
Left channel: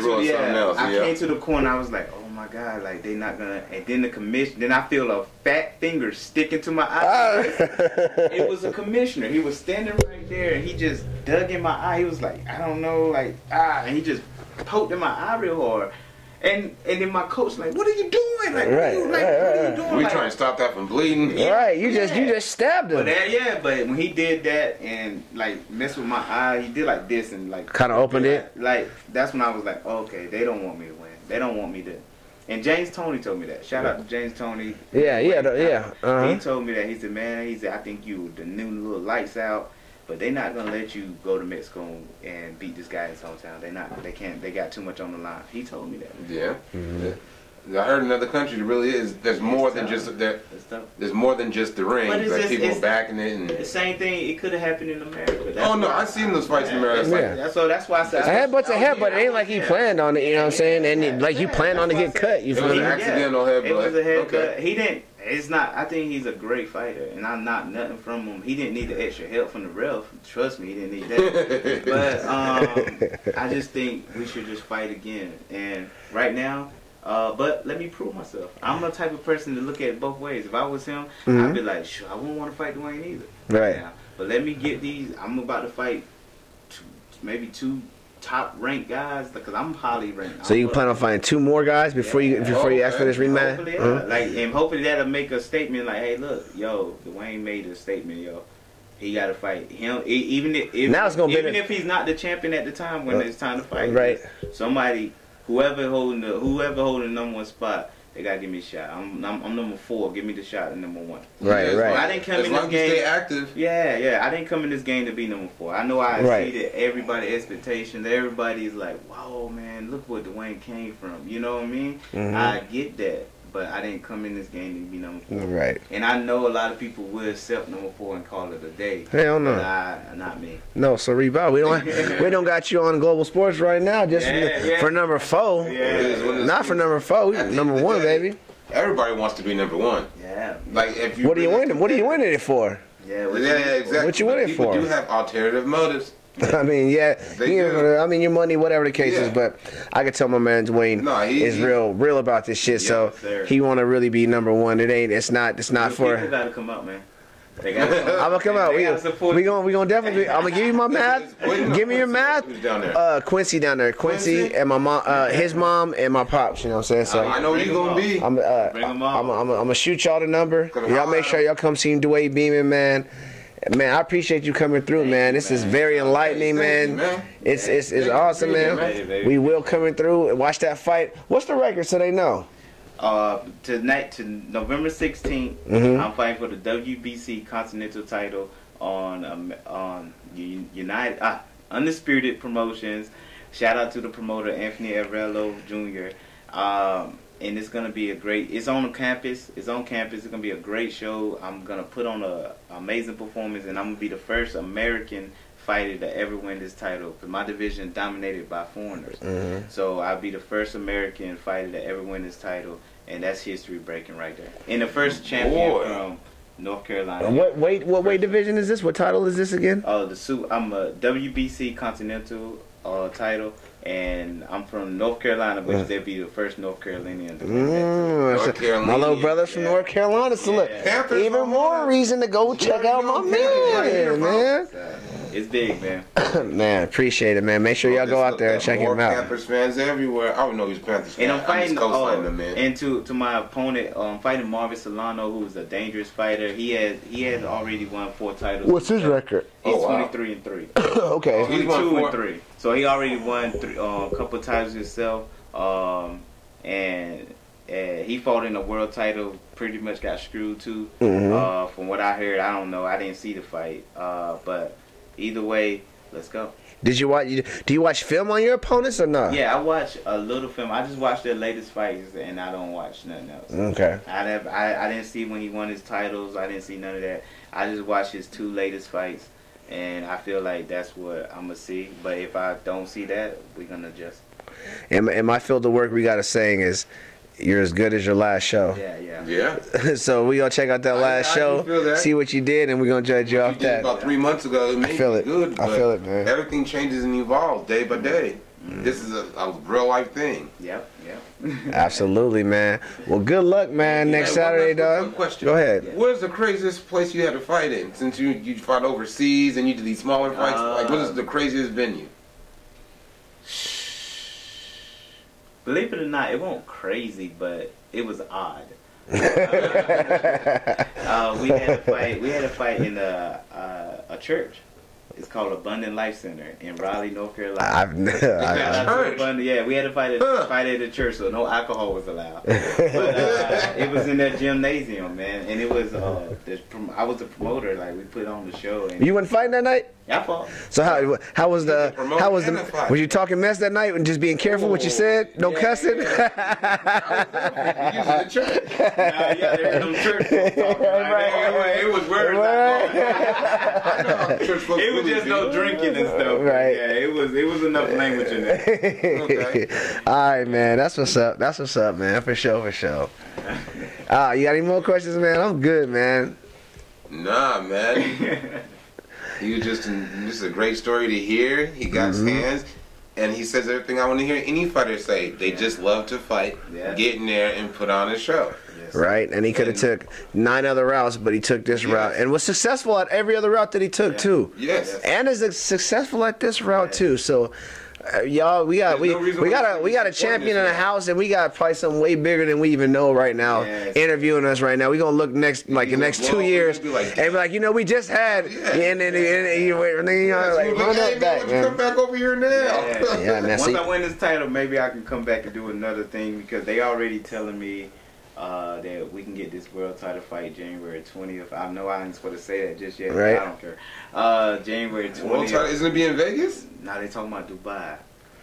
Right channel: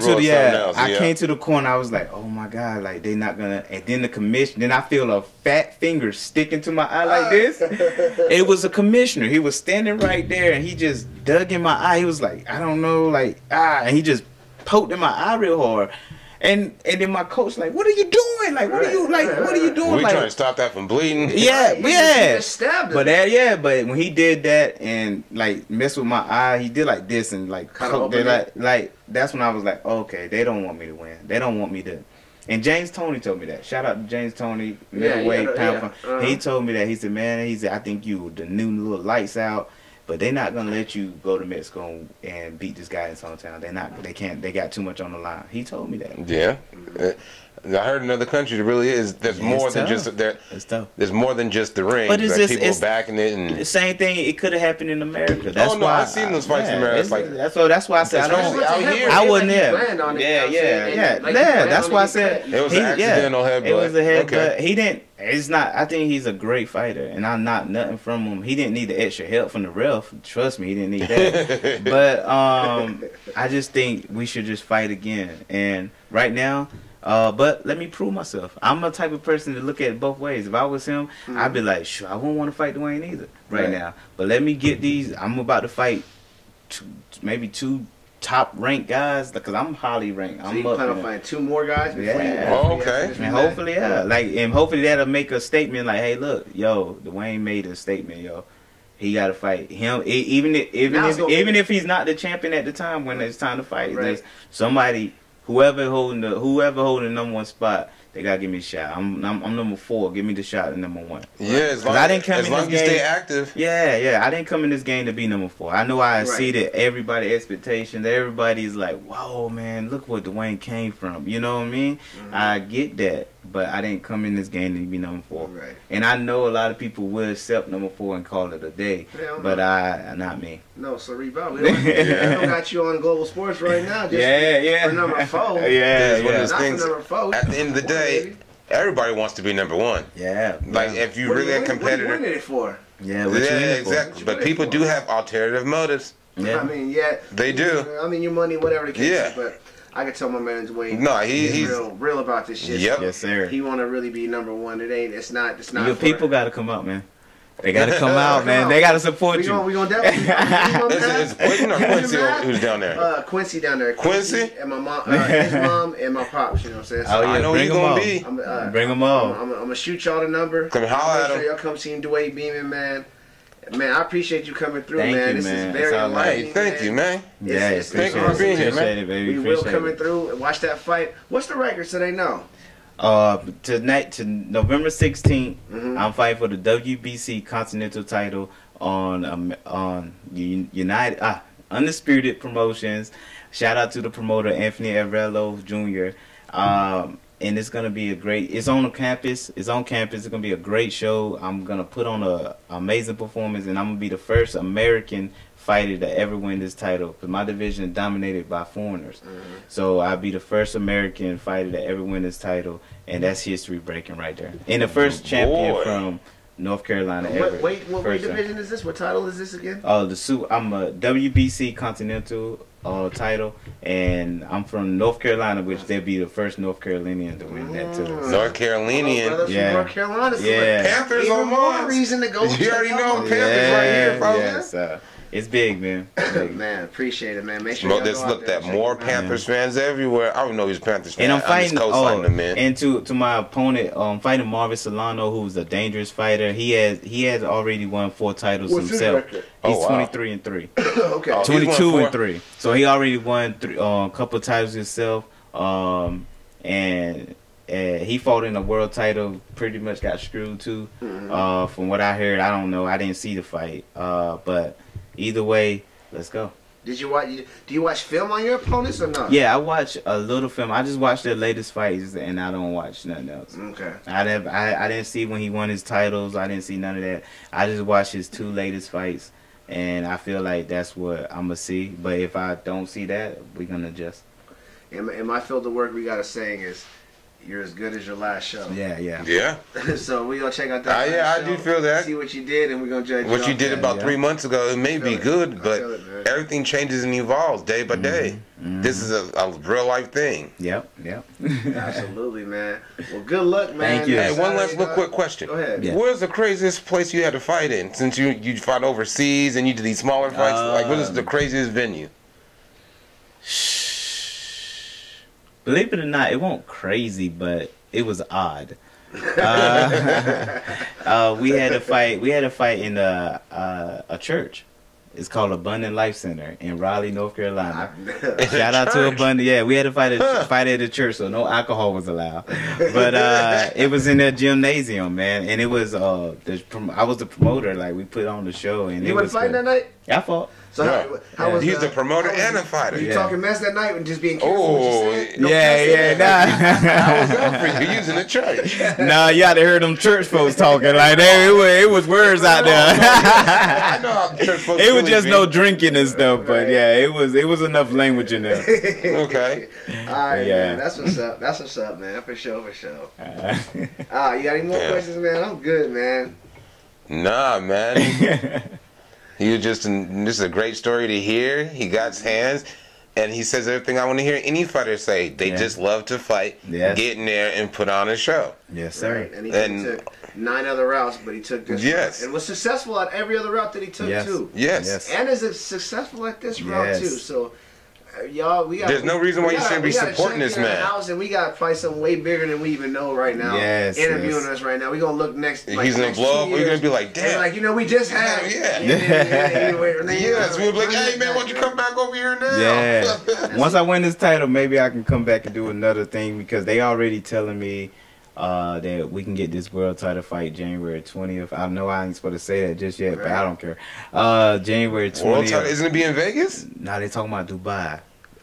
to the corner. I was like, "Oh my god!" Like they not gonna. And then the commission. Then I feel a fat finger sticking to my eye like this. It was a commissioner. He was standing right there, and he just dug in my eye. He was like, "I don't know," like and he just poked in my eye real hard. And then my coach like, what are you doing? Like, what are you doing? We like, trying to stop that from bleeding. Yeah, you just stabbed him. But when he did that and like messed with my eye, he did like this and like kind of opened it. Like that's when I was like, okay, they don't want me to win. They don't want me to. And James Toney told me that. Shout out to James Toney. He told me that. He said, man, I think you the new little lights out. But they're not gonna let you go to Mexico and beat this guy in his hometown. They can't. They got too much on the line. He told me that. Yeah. I heard in other countries it really is. There's more than just there. It's tough. The's more than just the ring. But it's people backing it and the same thing. It could have happened in America. That's why I've seen those fights in America. That's why I said I wasn't there. Planned on it. You know what I'm saying? That's why I said it was an accidental headbutt. It was a headbutt. He didn't. It's not. I think he's a great fighter, and I'm not nothing from him. He didn't need the extra help from the ref. Trust me, he didn't need that. But I just think we should just fight again. And right now. But let me prove myself. I'm the type of person to look at it both ways. If I was him, I'd be like, sure, I wouldn't want to fight Dewayne either right now. But let me get these. I'm about to fight maybe two top ranked guys because I'm highly ranked. So you plan on fighting two more guys before you finish rematch? Hopefully, and hopefully that'll make a statement like, hey, look, yo, Dewayne made a statement, yo. He got to fight him, even if he's not the champion at the time when it's time to fight. Right. Somebody. Whoever holding the number one spot, they gotta give me a shot. I'm number 4. Give me the shot at number 1. I didn't come in this game. Stay active. Yeah. I didn't come in this game to be number 4. I know I exceeded everybody's expectations. Everybody's like, "Whoa, man, look where Dewayne came from." You know what I mean? I get that, but I didn't come in this game to be number 4. Right. And I know a lot of people will accept number 4 and call it a day. Hell no. But not me. No, so Rebound, we don't got you on Global Sports right now. Just for number 4. Yeah. Not for number 4. At the end of the day, everybody wants to be number one. Yeah. Like if you What really a are you competitor. winning it for? Yeah, what you Yeah, in it for? exactly. What you But winning people for? do have alternative motives. Yeah. I mean, yeah, They you do. know, I mean, your money, whatever the case Yeah. is. But I can tell my man Dwayne No, he's is real about this shit. Yep. So Yes, sir. he want to really be number one. It's not Your for people got to come out, man. They got to come out, Come man. on. They got to support you. We gonna definitely. I'm gonna give you my man. It's Quincy who's down there. Quincy down there. Quincy? And my mom, his mom, and my pops. You know what I'm saying? So Oh, yeah. I know Bring you're them gonna all. be. Bring them all. I'm gonna shoot y'all the number. Come Y'all holler make at sure him. y'all come see Dewayne Beamon, man. Man, I appreciate you coming through, Thank man. you, This is man. very It's all right. enlightening, Thank man. you, man. It's Thank you. awesome, Appreciate it, man. Appreciate it, baby. We will Appreciate coming it. through and watch that fight. What's the record so they know? Tonight to November 16th, Mhm. I'm fighting for the WBC Continental title on United Undisputed Promotions. Shout out to the promoter Anthony Avrello Jr. And it's gonna be it's on campus. It's on campus. It's gonna be a great show. I'm gonna put on a amazing performance, and I'm gonna be the first American fighter to ever win this title. Because my division is dominated by foreigners, so I'll be the first American fighter to ever win this title, and that's history breaking right there. And the first champion Boy. from North Carolina. What ever. weight First division is this? What title is this again? I'm a WBC Continental title, and I'm from North Carolina, which they'll be the first North Carolinian to win that too. North My little Carolinian. brother from Yeah. North Carolina. So Yeah. Panthers even on more Mars. reason to go You check already out know my Panthers Panthers right here, bro. Yeah. It's big, man. Man, appreciate it, man. Make sure Bro, y'all just go out look there and at check more him out. Panthers fans everywhere. I don't know he's Panthers fan. And I'm fighting, just co-signing him, man. and to my opponent, I'm fighting Marvin Solano, who's a dangerous fighter. He has already won 4 titles What's his himself. record? He's Oh, wow. 23-3. Okay. Oh, 22-3. So he already won a couple titles himself. And he fought in a world title. Pretty much got screwed too. From what I heard, I don't know. I didn't see the fight. But either way, let's go. Did you watch? Do you watch film on your opponents or not? Yeah, I watch a little film. I just watch their latest fights, and I don't watch nothing else. Okay. I didn't see when he won his titles. I didn't see none of that. I just watched his 2 latest fights, and I feel like that's what I'm gonna see. But if I don't see that, we're gonna adjust. In my field of work, we got a saying is, "You're as good as your last show." Yeah. Yeah. So we gonna check out that I last show, do feel that. see what you did, and we're gonna judge What off you did that. about 3 months ago, it may feel be it. good, I but feel it, man. everything changes and evolves day by day. This is a real life thing. Yep. Absolutely, man. Well, good luck, man. Thank you. Next Hey, one Saturday, last dog. quick question. Go ahead. Yeah. Where's the craziest place you had to fight in? Since you fought overseas and you did these smaller fights, like what is the craziest venue? Believe it or not, it wasn't crazy, but it was odd. We had a fight. We had a fight in a church. It's called Abundant Life Center in Raleigh, North Carolina. Shout out to Abundant. Yeah, we had to fight at the church, so no alcohol was allowed. But it was in that gymnasium, man, and it was I was the promoter. Like we put on the show. And You wasn't fighting that night? I fought. So how was He's the the promoter how was and the- the fighter. Were you Yeah. talking mess that night and just being careful what you said? No cussing? You're using the church. Nah, you gotta hear them church folks talking like that. It was words out I know how there. church folks It was really just be. no drinking and stuff, but Right. yeah, it was enough language in there. Okay. All right, Yeah. man. That's what's up. That's what's up, man. For sure. You got any more Yeah. questions, man? I'm good, man. Nah, man. He was just this is a great story to hear. He got his hands, and he says everything I want to hear any fighter say. They Yeah. just love to fight, Yes. get in there, and put on a show. Yes, sir. Right, and he could have And- took 9 other routes, but he took this Yes. route and was successful at every other route that he took Yes. too. Yes. Yes. And is successful at this route Yes. too. So, y'all, There's no reason why you shouldn't be we got a supporting champion this in the man. house, and we got probably something way bigger than we even know right now. Yes, interviewing yes. us right now. We're gonna look next He's the gonna next blow 2 up, we're years gonna be like, and damn. be like, we just had. Yeah. Yes, We'll be like, hey man, why don't you come back over here now? Yeah. Yeah, man, Once see- I win this title, maybe I can come back and do another thing because they already telling me that we can get this world title fight January 20th. I know I ain't supposed to say that just yet, Right. but I don't care. January 20th. World title, isn't it be in Vegas? Now they talking about Dubai.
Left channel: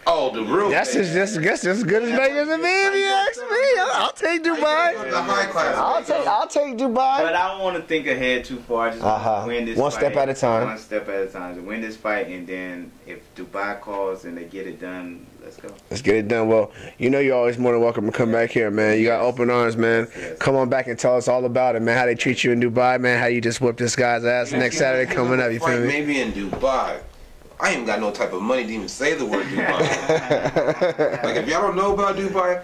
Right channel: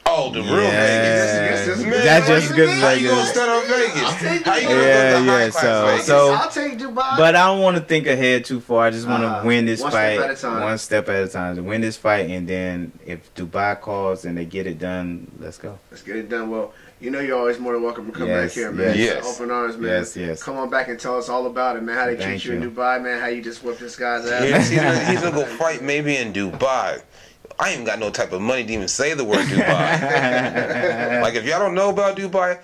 Oh, Oh, the room. That's just good. That's just good. How you gonna start on Vegas? I'll take Dubai. So I'll take Dubai. But I don't want to think ahead too far. I just want to win this fight. One step at a time. One step at a time. To win this fight, and then if Dubai calls and they get it done, let's go. Let's get it done. Well, you know you're always more than welcome to come back here, man. You got open arms, man. Yes. Come on back and tell us all about it, man. How they treat you in Dubai, man. How you just whipped this guy's ass. Next Saturday coming up, you feel me? Maybe in Dubai. I ain't got no type of money to even say the word Dubai. Like, if y'all don't know about Dubai,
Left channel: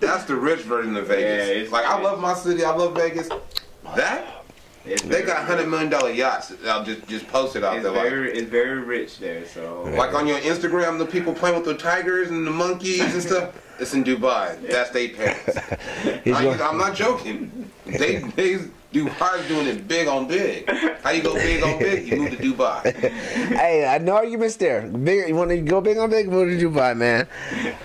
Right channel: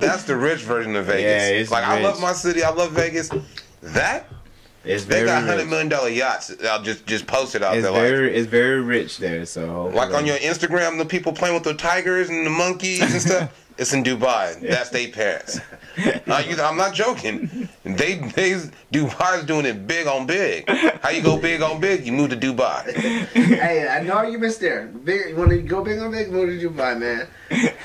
that's the rich version of Vegas. Yeah, it's like, rich. I love my city. I love Vegas. They got $100 million yachts. I'll just posted out there. It's very rich there. So like on your Instagram, the people playing with the tigers and the monkeys and stuff. It's in Dubai. That's their parents. I'm not joking. Dubai's doing it big on big. How you go big on big? You move to Dubai. Hey, I know arguments there. Big, you want to go big on big? Move to Dubai, man.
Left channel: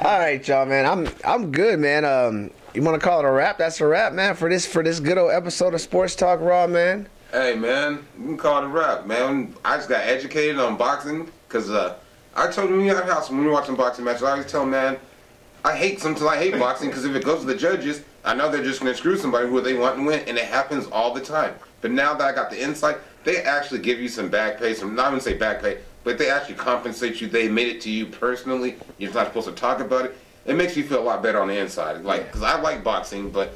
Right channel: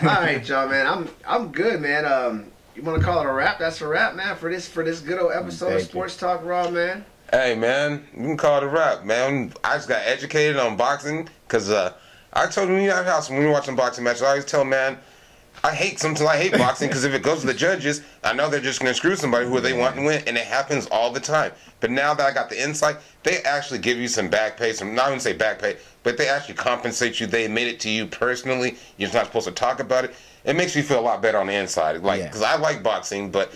All right, y'all, man. I'm good, man. You want to call it a wrap? That's a wrap, man. For this good old episode of Sports Talk Raw, man. Hey, man, you can call it a wrap, man. I just got educated on boxing because I told him in our house when we were watching boxing matches, I always tell him, man, I hate boxing because if it goes to the judges, I know they're just going to screw somebody who they want to win, and it happens all the time. But now that I got the insight, they actually give you some back pay. Not even say back pay, but they actually compensate you. They admit it to you personally. You're not supposed to talk about it. It makes me feel a lot better on the inside. Like, because I like boxing, but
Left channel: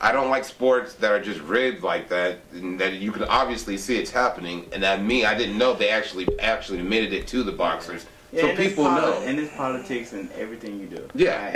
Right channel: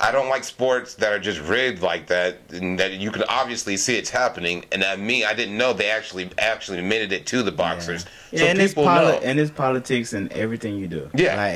I don't like sports that are just rigged like that, and that you can obviously see it's happening. And I didn't know they actually admitted it to the boxers. Yeah, so people know. And it's politics in everything you do. Yeah. Like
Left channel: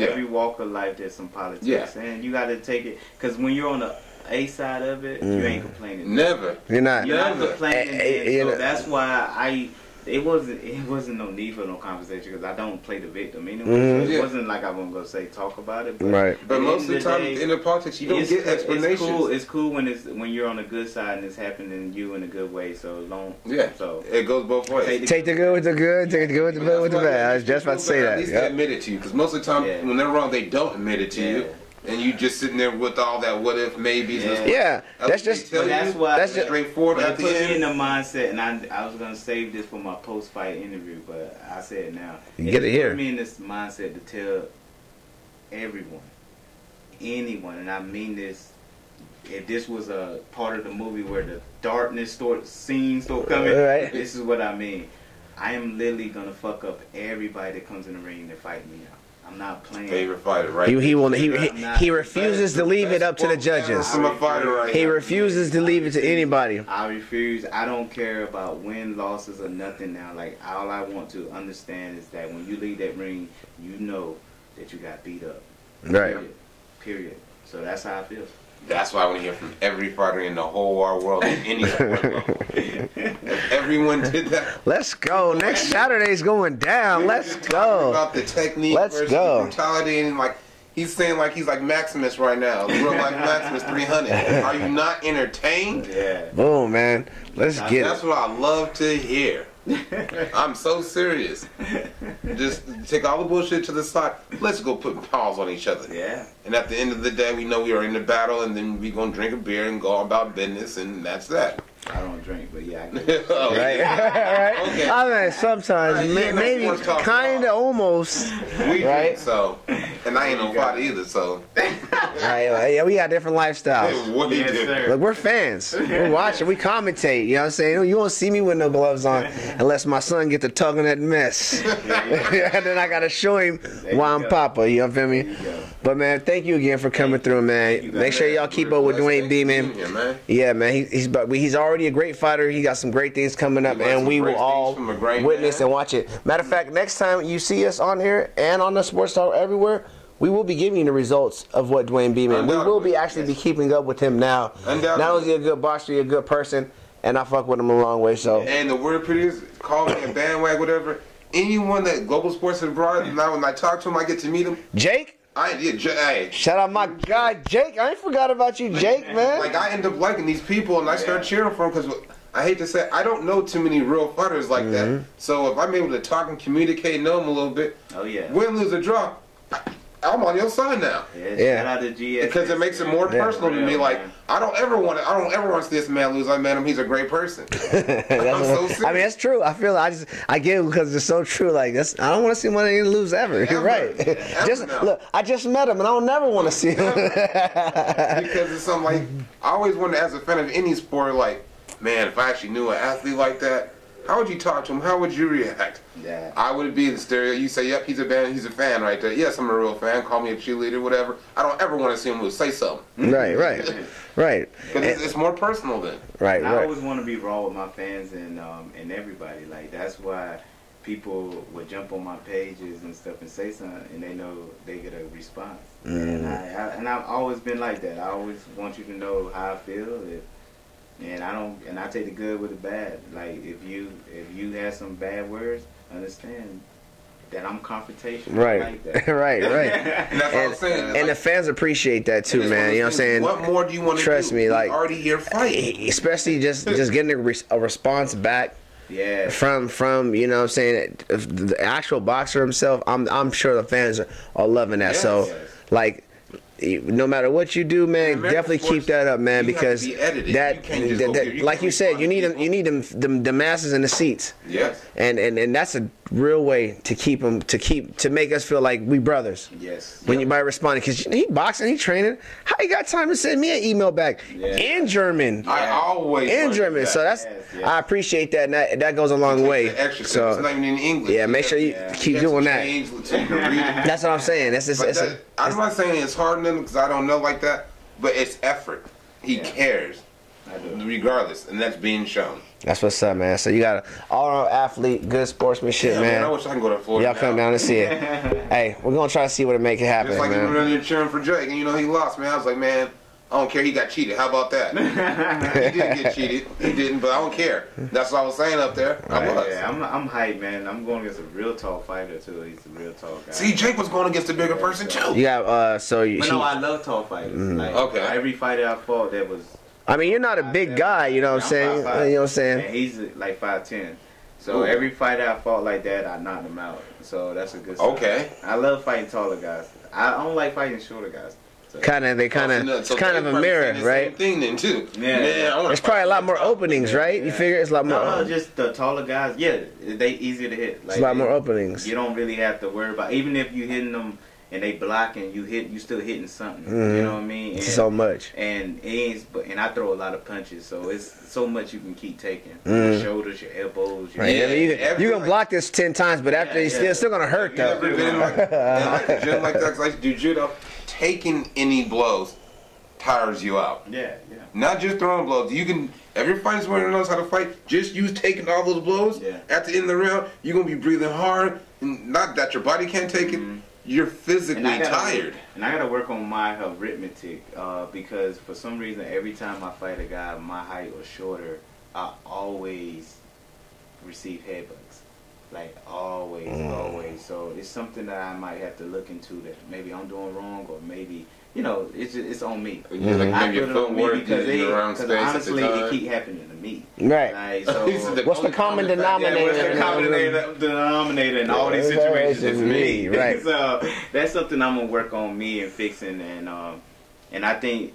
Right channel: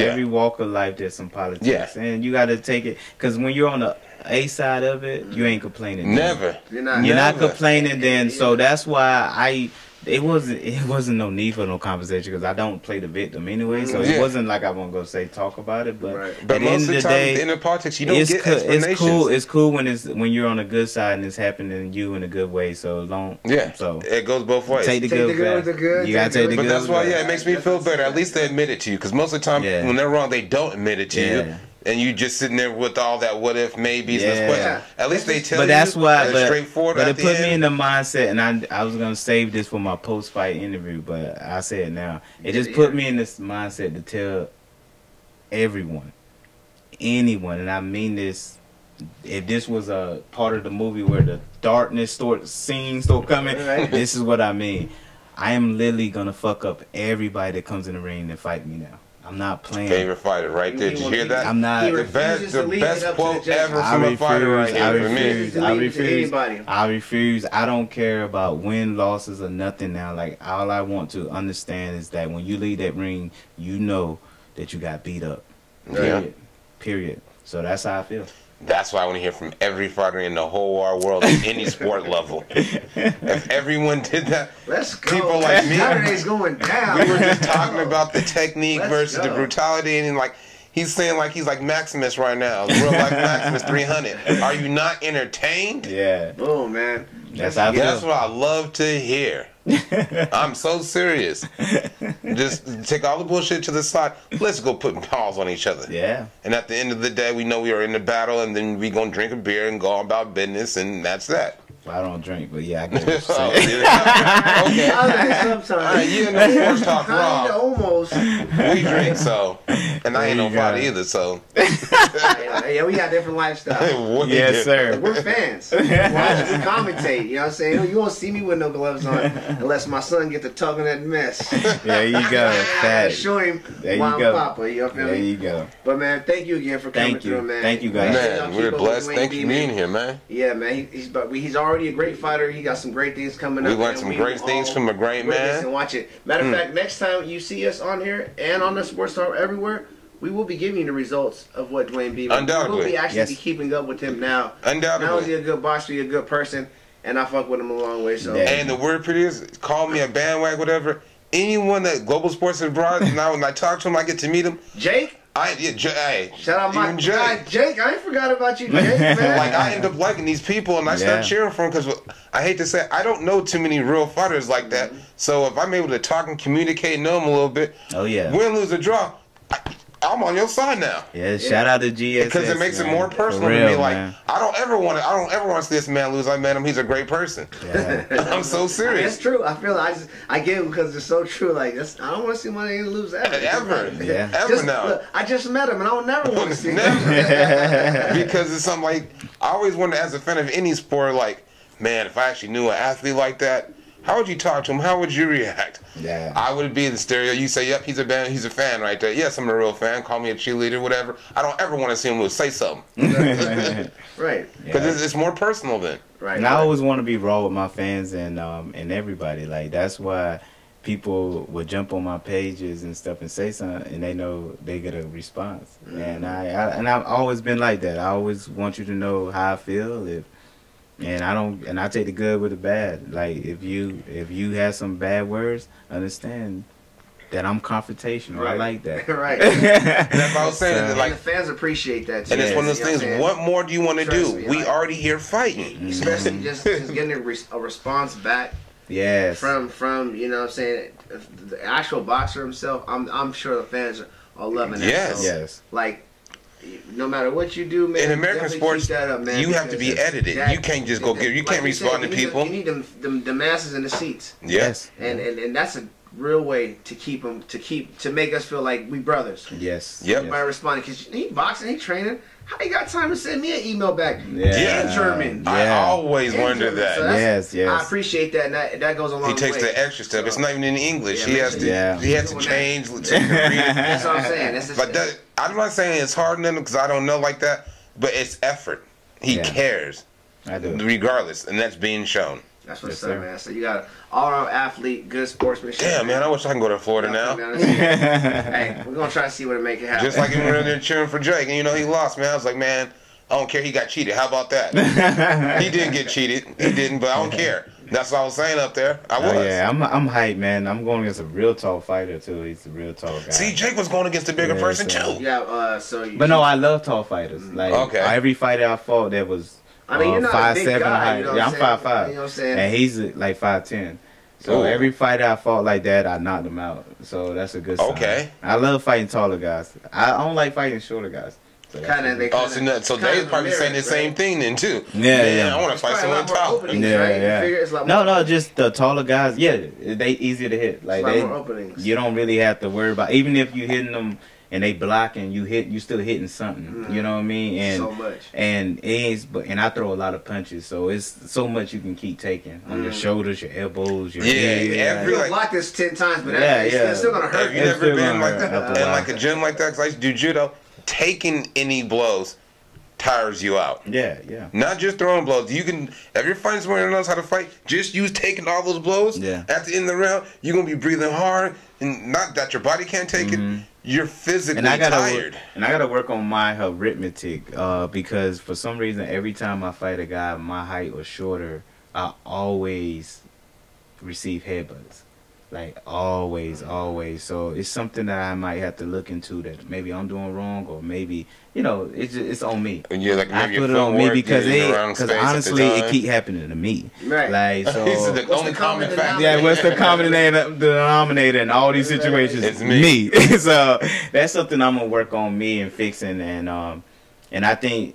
every walk of life, there's some politics. Yeah. And you got to take it, because when you're on the A side of it, you ain't complaining. Never. You're not complaining then. So that's why it wasn't no need for no conversation, because I don't play the victim anyway. So it wasn't like I won't go talk about it. But But most of the time, in the politics, you don't get explanations. It's cool when you're on the good side and it's happening to you in a good way. So long. Yeah. So it goes both ways. Take the good with the good. You gotta take the good. But that's why it makes me feel better. At least they admit it to you, because most of the time when they're wrong, they don't admit it to you. And you just sitting there with all that what if maybes. At least they tell you. But that's why. Straightforward. But it put me in the mindset, and I was gonna save this for my post-fight interview, but I say it now. It just put me in this mindset to tell everyone, anyone, and I mean this. If this was a part of the movie where the darkness scenes start coming, this is what I mean. I am literally gonna fuck up everybody that comes in the ring and fight me now. I'm not playing. Favorite fighter, right? He refuses to leave it up to the judges. He refuses to leave it to anybody. I refuse. I don't care about win, losses, or nothing now. Like, all I want to understand is that when you leave that ring, you know that you got beat up. Period. So that's how I feel. That's why I want to hear from every fighter in the whole wide world at any sport level. If everyone did that, let's go. Like Saturday's going down. Let's talking about the technique versus the brutality, and like he's saying, like he's like Maximus right now, real life Maximus 300. Are you not entertained? Yeah. Boom, man. That's what I love to hear. I'm so serious. Just take all the bullshit to the side. Let's go put paws on each other. Yeah. And at the end of the day, we know we are in the battle, and then we gonna drink a beer and go about business, and that's that. I don't drink, but yeah, I get what you're saying. Sometimes. Kind of almost. We drink, so. And I ain't no fighter either, so. Yeah, we got different lifestyles. Yes, sir. We're fans. We watch, we commentate. You know what I'm saying? You won't see me with no gloves on unless my son gets to tugging that mess. There you go. And then I gotta show him why I'm Papa. You know what I mean? There you go. But man, thank you again for coming through, man. Thank you, guys. Make sure y'all keep up with Dewayne Beamon. Here, man. Yeah, man. He's already a great fighter. He got some great things coming up, man. We will all from a great witness and watch it. Matter of fact, next time you see us on here and on the Sports Star everywhere, we will be giving you the results of what Dewayne Beamon. We will be actually be keeping up with him now. Undoubtedly. Not only a good boxer, he's a good person, and I fuck with him a long way. So. And the word producer, call me a bandwagon, whatever. Anyone that Global Sports has brought, now when I talk to him, I get to meet him. Jake? Shout out my guy, Jake. I ain't forgot about you, Jake, man. Like, I end up liking these people, and I start cheering for them, because I hate to say, I don't know too many real fighters like that. So if I'm able to talk and communicate and know them a little bit, win, lose, or draw, I'm on your side now. Yeah, shout out to GSS. Because it makes it more personal to me. Like, I don't ever want to see this man lose. I met him. He's a great person. I'm so serious. I mean, it's true. I feel I get it because it's so true. Like, I don't want to see one of you lose ever. You're right. Yeah. Ever now. Look, I just met him, and I don't never want to see him. Because it's something like, I always wonder as a fan of any sport, like, man, if I actually knew an athlete like that, how would you talk to him? How would you react? Yeah. I would be the stereo. You say, yep, he's a fan right there. Yes, I'm a real fan. Call me a cheerleader, whatever. I don't ever want to see him lose. Say something. Right. Because it's more personal then. Right. And I always want to be raw with my fans and everybody. Like, that's why people would jump on my pages and stuff and say something, and they know they get a response. And I've always been like that. I always want you to know how I feel. And I take the good with the bad. Like, if you have some bad words, understand that I'm confrontational. Right. I like that. right. That's what I'm saying. And Like, the fans appreciate that too. and it's one of those things. What more do you want to do? Me, we like, already here fighting. Especially just getting a response back. Yeah. From you know what I'm saying, the actual boxer himself. I'm sure the fans are loving that. Yes. So Yes. like, no matter what you do, man, definitely keep that up, man. You have to be edited. You can't just go give. You can't respond to people. You need the masses in the seats. Yes. And that's a real way to keep them to make us feel like we brothers. Yes. When you might respond, because he boxing, he training. How he got time to send me an email back in German? I always In wonder German. that. So that's, I appreciate that, and that goes a long way. He takes the extra step. It's not even in English. Yeah, make sure you keep doing that. That's what I'm saying. I'm not saying it's hard on him because I don't know like that, but it's effort. He cares. I do. Regardless, and that's being shown. That's what's up, man. So you got an all-around athlete, good sportsmanship, Yeah, man. I wish I can go to Florida now. Come down and see it. Hey, we're gonna try to see what to make it happen. Just like him running there cheering for Drake, and you know he lost, man. I was like, man, I don't care. He got cheated. How about that? He did get cheated. He didn't, but I don't care. That's what I was saying up there. I was. Yeah, I'm hyped, man. I'm going against a real tall fighter too. He's a real tall guy. See, Jake was going against a bigger person too. You got But no, I love tall fighters. Like every fighter I fought, that was. I mean, you're not a big guy, you know what I'm saying? I'm 5'5". You know what I'm saying? And he's like 5'10". So every fighter I fought like that, I knocked him out. So that's a good sign. Okay. I love fighting taller guys. I don't like fighting shorter guys. So. They kind of so they're probably saying the same thing then too. Yeah. I want to fight probably a lot more openings, right? You figure it's a lot more. No, just the taller guys. Yeah, they easier to hit. Like, it's a lot more openings. You don't really have to worry about, even if you hitting them and they blocking, you still hitting something. You know what I mean? And so much. And I throw a lot of punches, so it's so much you can keep taking. Your shoulders, your elbows, your head. You can block this 10 times, but it's still gonna hurt. Have you ever been in like a gym like that? Cause I used to do judo. Taking any blows tires you out. Yeah. Not just throwing blows. You can, if you're fighting someone that knows how to fight, just use taking all those blows. Yeah. At the end of the round, you're gonna be breathing hard, and not that your body can't take it. You're physically tired. And I gotta work on my arithmetic because for some reason, every time I fight a guy my height or shorter, I always receive headbutts. Like, always. So it's something that I might have to look into, that maybe I'm doing wrong, or maybe, it's on me. Yeah, like I put it on me because honestly, it keep happening to me. Right. Like, so what's the common denominator? Yeah, what's the common denominator in all these situations? It's me. Right. So that's something I'm gonna work on me and fixing, and I think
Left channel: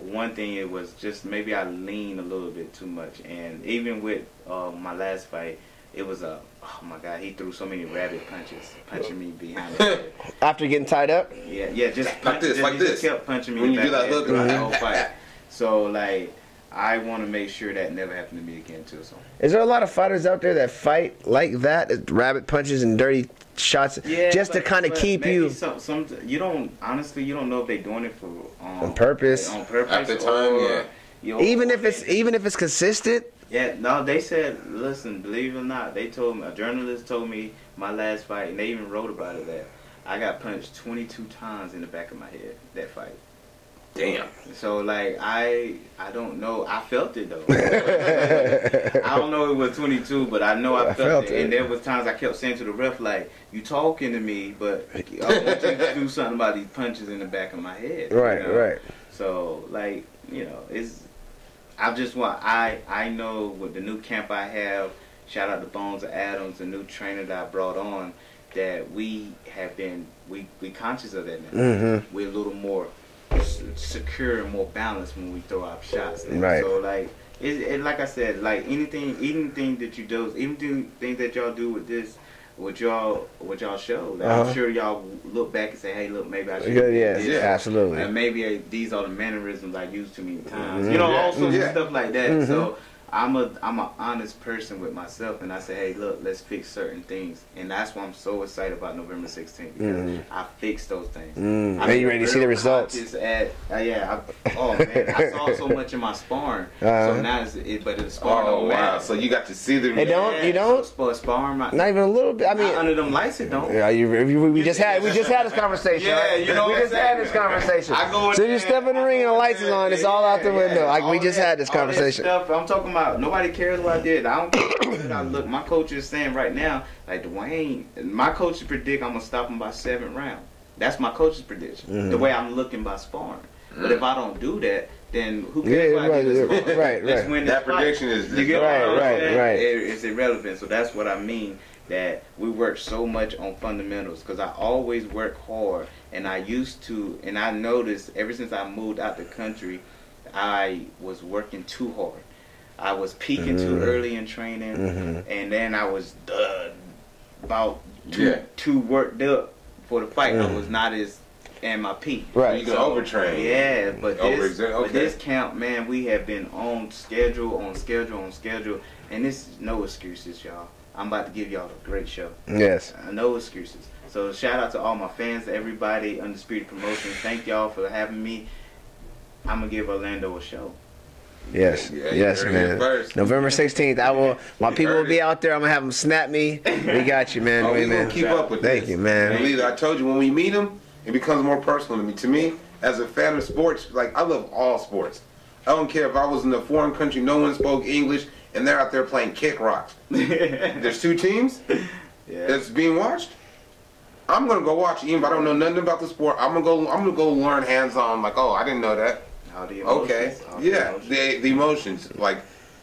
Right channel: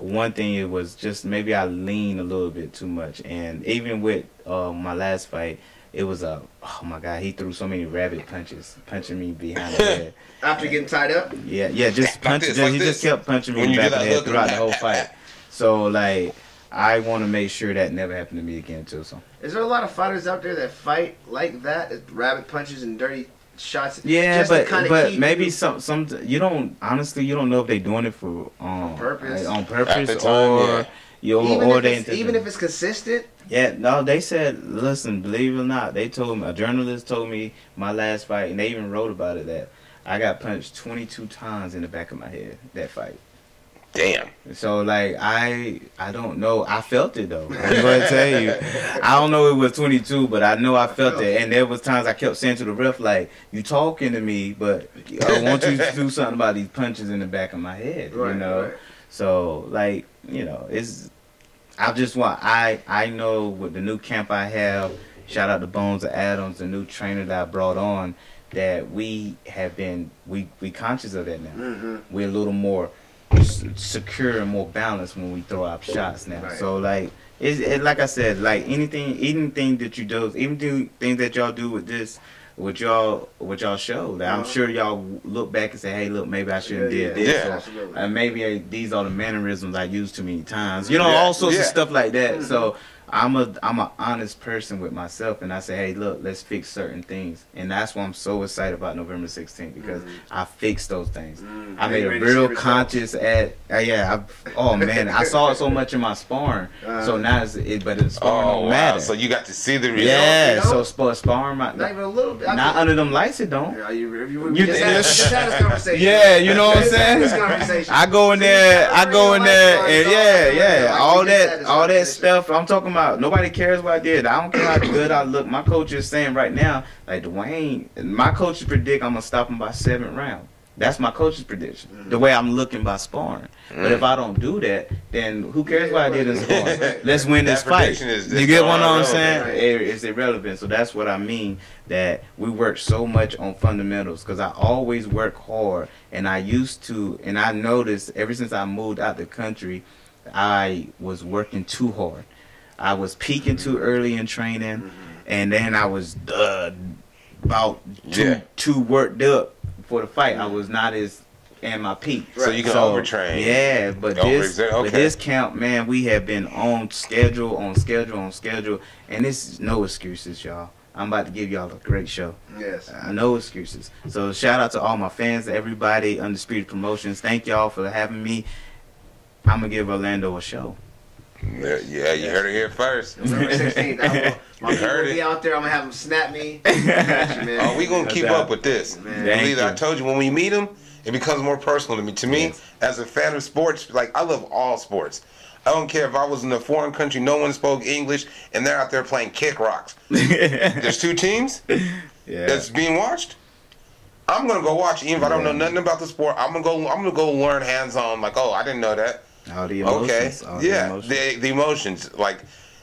one thing, it was just maybe I lean a little bit too much, and even with my last fight, it was oh my God, he threw so many rabbit punches, punching me behind the head. After getting tied up? Yeah, just punches. He just kept punching me in the back of the head throughout the whole fight. So, like, I want to make sure that never happened to me again, too. So, is there a lot of fighters out there that fight like that, rabbit punches and dirty shots? Yeah, just to kind of keep maybe you... some you don't know if they're doing it for on purpose, like, on purpose, at the time, even if it's consistent. Yeah, no, they said, listen, believe it or not, they told me, a journalist told me my last fight, and they even wrote about it, that I got punched 22 times in the back of my head, that fight. Damn. So, like, I don't know. I felt it, though. I'm going to tell you. I don't know it was 22, but I know I felt it. And there was times I kept saying to the ref, like, you talking to me, but I want you to do something about these punches in the back of my head. Right. So, like, it's... I know with the new camp I have, shout out to Bones of Adams, the new trainer that I brought on, that we conscious of that now. We're a little more secure and more balanced when we throw our shots now. Right. So like like I said, like anything that you do, even things that y'all do with this, what y'all show. Like, I'm sure y'all look back and say, hey, look, maybe I should have did this. Yeah, absolutely. And maybe these are the mannerisms I used too many times. You know, all sorts of stuff like that. So I'm an honest person with myself, and I say, hey, look, let's fix certain things, and that's why I'm so excited about November 16th, because I fixed those things. I made a real conscious oh man, I saw it so much in my sparring, so now but it's sparring don't matter. So you got to see the result. Yeah, so sparring not even a little bit. Not under them lights, it don't. Yeah, we just had this conversation. Yeah, you know what I'm saying. I go in there, and all that stuff. I'm talking about. Nobody cares what I did. I don't care how good I look. My coach is saying right now, like Dewayne, my coaches predict I'm gonna stop him by 7th round. That's my coach's prediction. The way I'm looking by sparring. But if I don't do that, then who cares what I did in sparring? Let's win this fight. You get what I'm saying? It's irrelevant. So that's what I mean. That we work so much on fundamentals, because I always work hard, and I used to, and I noticed ever since I moved out the country, I was working too hard. I was peaking too early in training, and then I was about too worked up for the fight. I was not as in my peak. So you can overtrain. Yeah, but this camp, man, we have been on schedule, and it's no excuses, y'all. I'm about to give y'all a great show. Yes. No excuses. So shout out to all my fans, everybody, Undisputed Promotions. Thank y'all for having me. I'm going to give Orlando a show. Yes. Yeah, you heard it here first. November 16th. My people will be out there. I'm going to have them snap me. We got you, man. Oh, we're going to keep up with this. Thank you, man. I told you, when we meet them, it becomes more personal to me. To me, as a fan of sports, like, I love all sports. I don't care if I was in a foreign country, no one spoke English, and they're out there playing kick rocks. There's 2 teams that's being watched. I'm going to go watch it, even if I don't know nothing about the sport. I'm gonna go learn hands-on, like, oh, I didn't know that. All the emotions. Okay. The emotions. Like,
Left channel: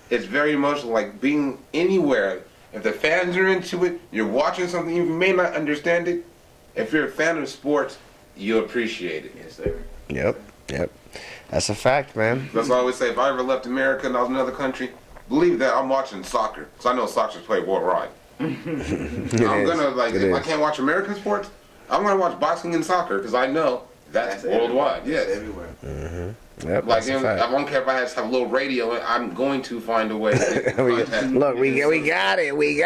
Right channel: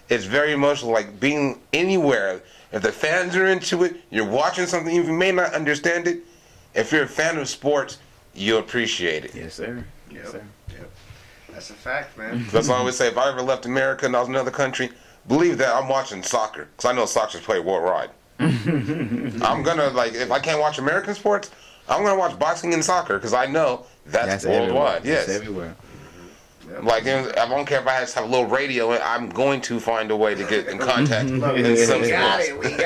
it's very emotional. Like, being anywhere. If the fans are into it, you're watching something, you may not understand it. If you're a fan of sports, you appreciate it. Yes, sir. Yep. That's a fact, man. That's why I always say, if I ever left America and I was in another country, believe that I'm watching soccer. Because I know soccer's played worldwide. I'm going to, like, if I can't watch American sports, I'm going to watch boxing and soccer, because I know that's worldwide. Yes. That's everywhere. Yep, like, I don't care if I have a little radio, I'm going to find a way to get in contact. Look, we got it. We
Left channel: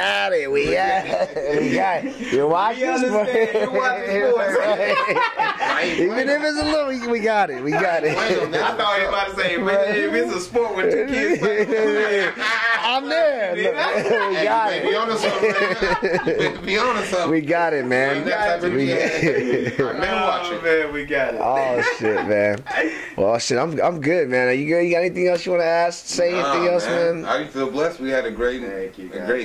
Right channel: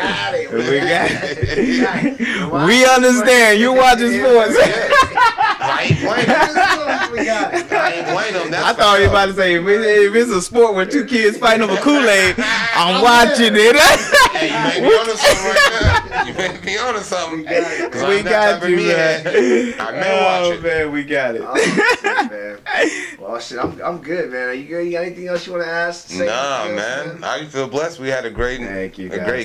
understand. You watching sports. I ain't playing them. We got it. I thought you were about to say, if it's a sport with 2 kids fighting over Kool-Aid, I'm watching it. You may be on something right now. You may be on something. We got it, man. We got you, man. Oh, man, we got it. Oh, shit, man. Well, shit, I'm good, man. Are you good? You got anything else you want to ask? Say anything else, man? I feel blessed. We had a great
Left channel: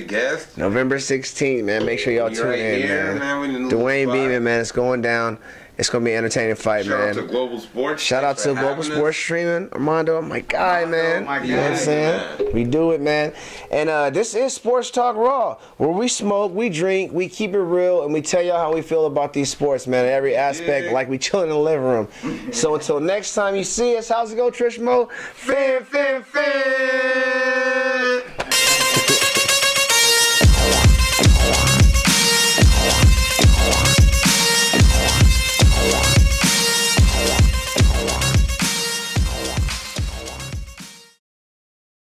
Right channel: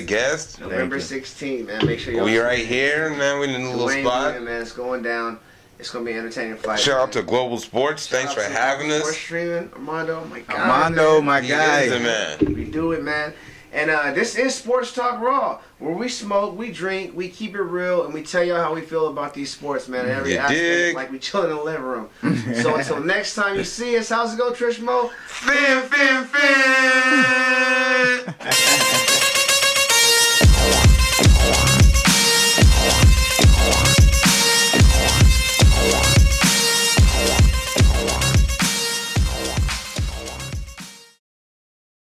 guest. November 16th, man. Make sure y'all tune in, right here, man. We in the Dewayne Beamon, man. It's going down. It's going to be an entertaining fight, Shout out to Global Sports. Shout out to Global Sports Streaming. Armando, my God, Armando, my guy. Man. We do it, man. And this is Sports Talk Raw, where we smoke, we drink, we keep it real, and we tell y'all how we feel about these sports, man. In every aspect, like we chill in the living room. So until next time you see us, how's it go, Trizmoe? Fin.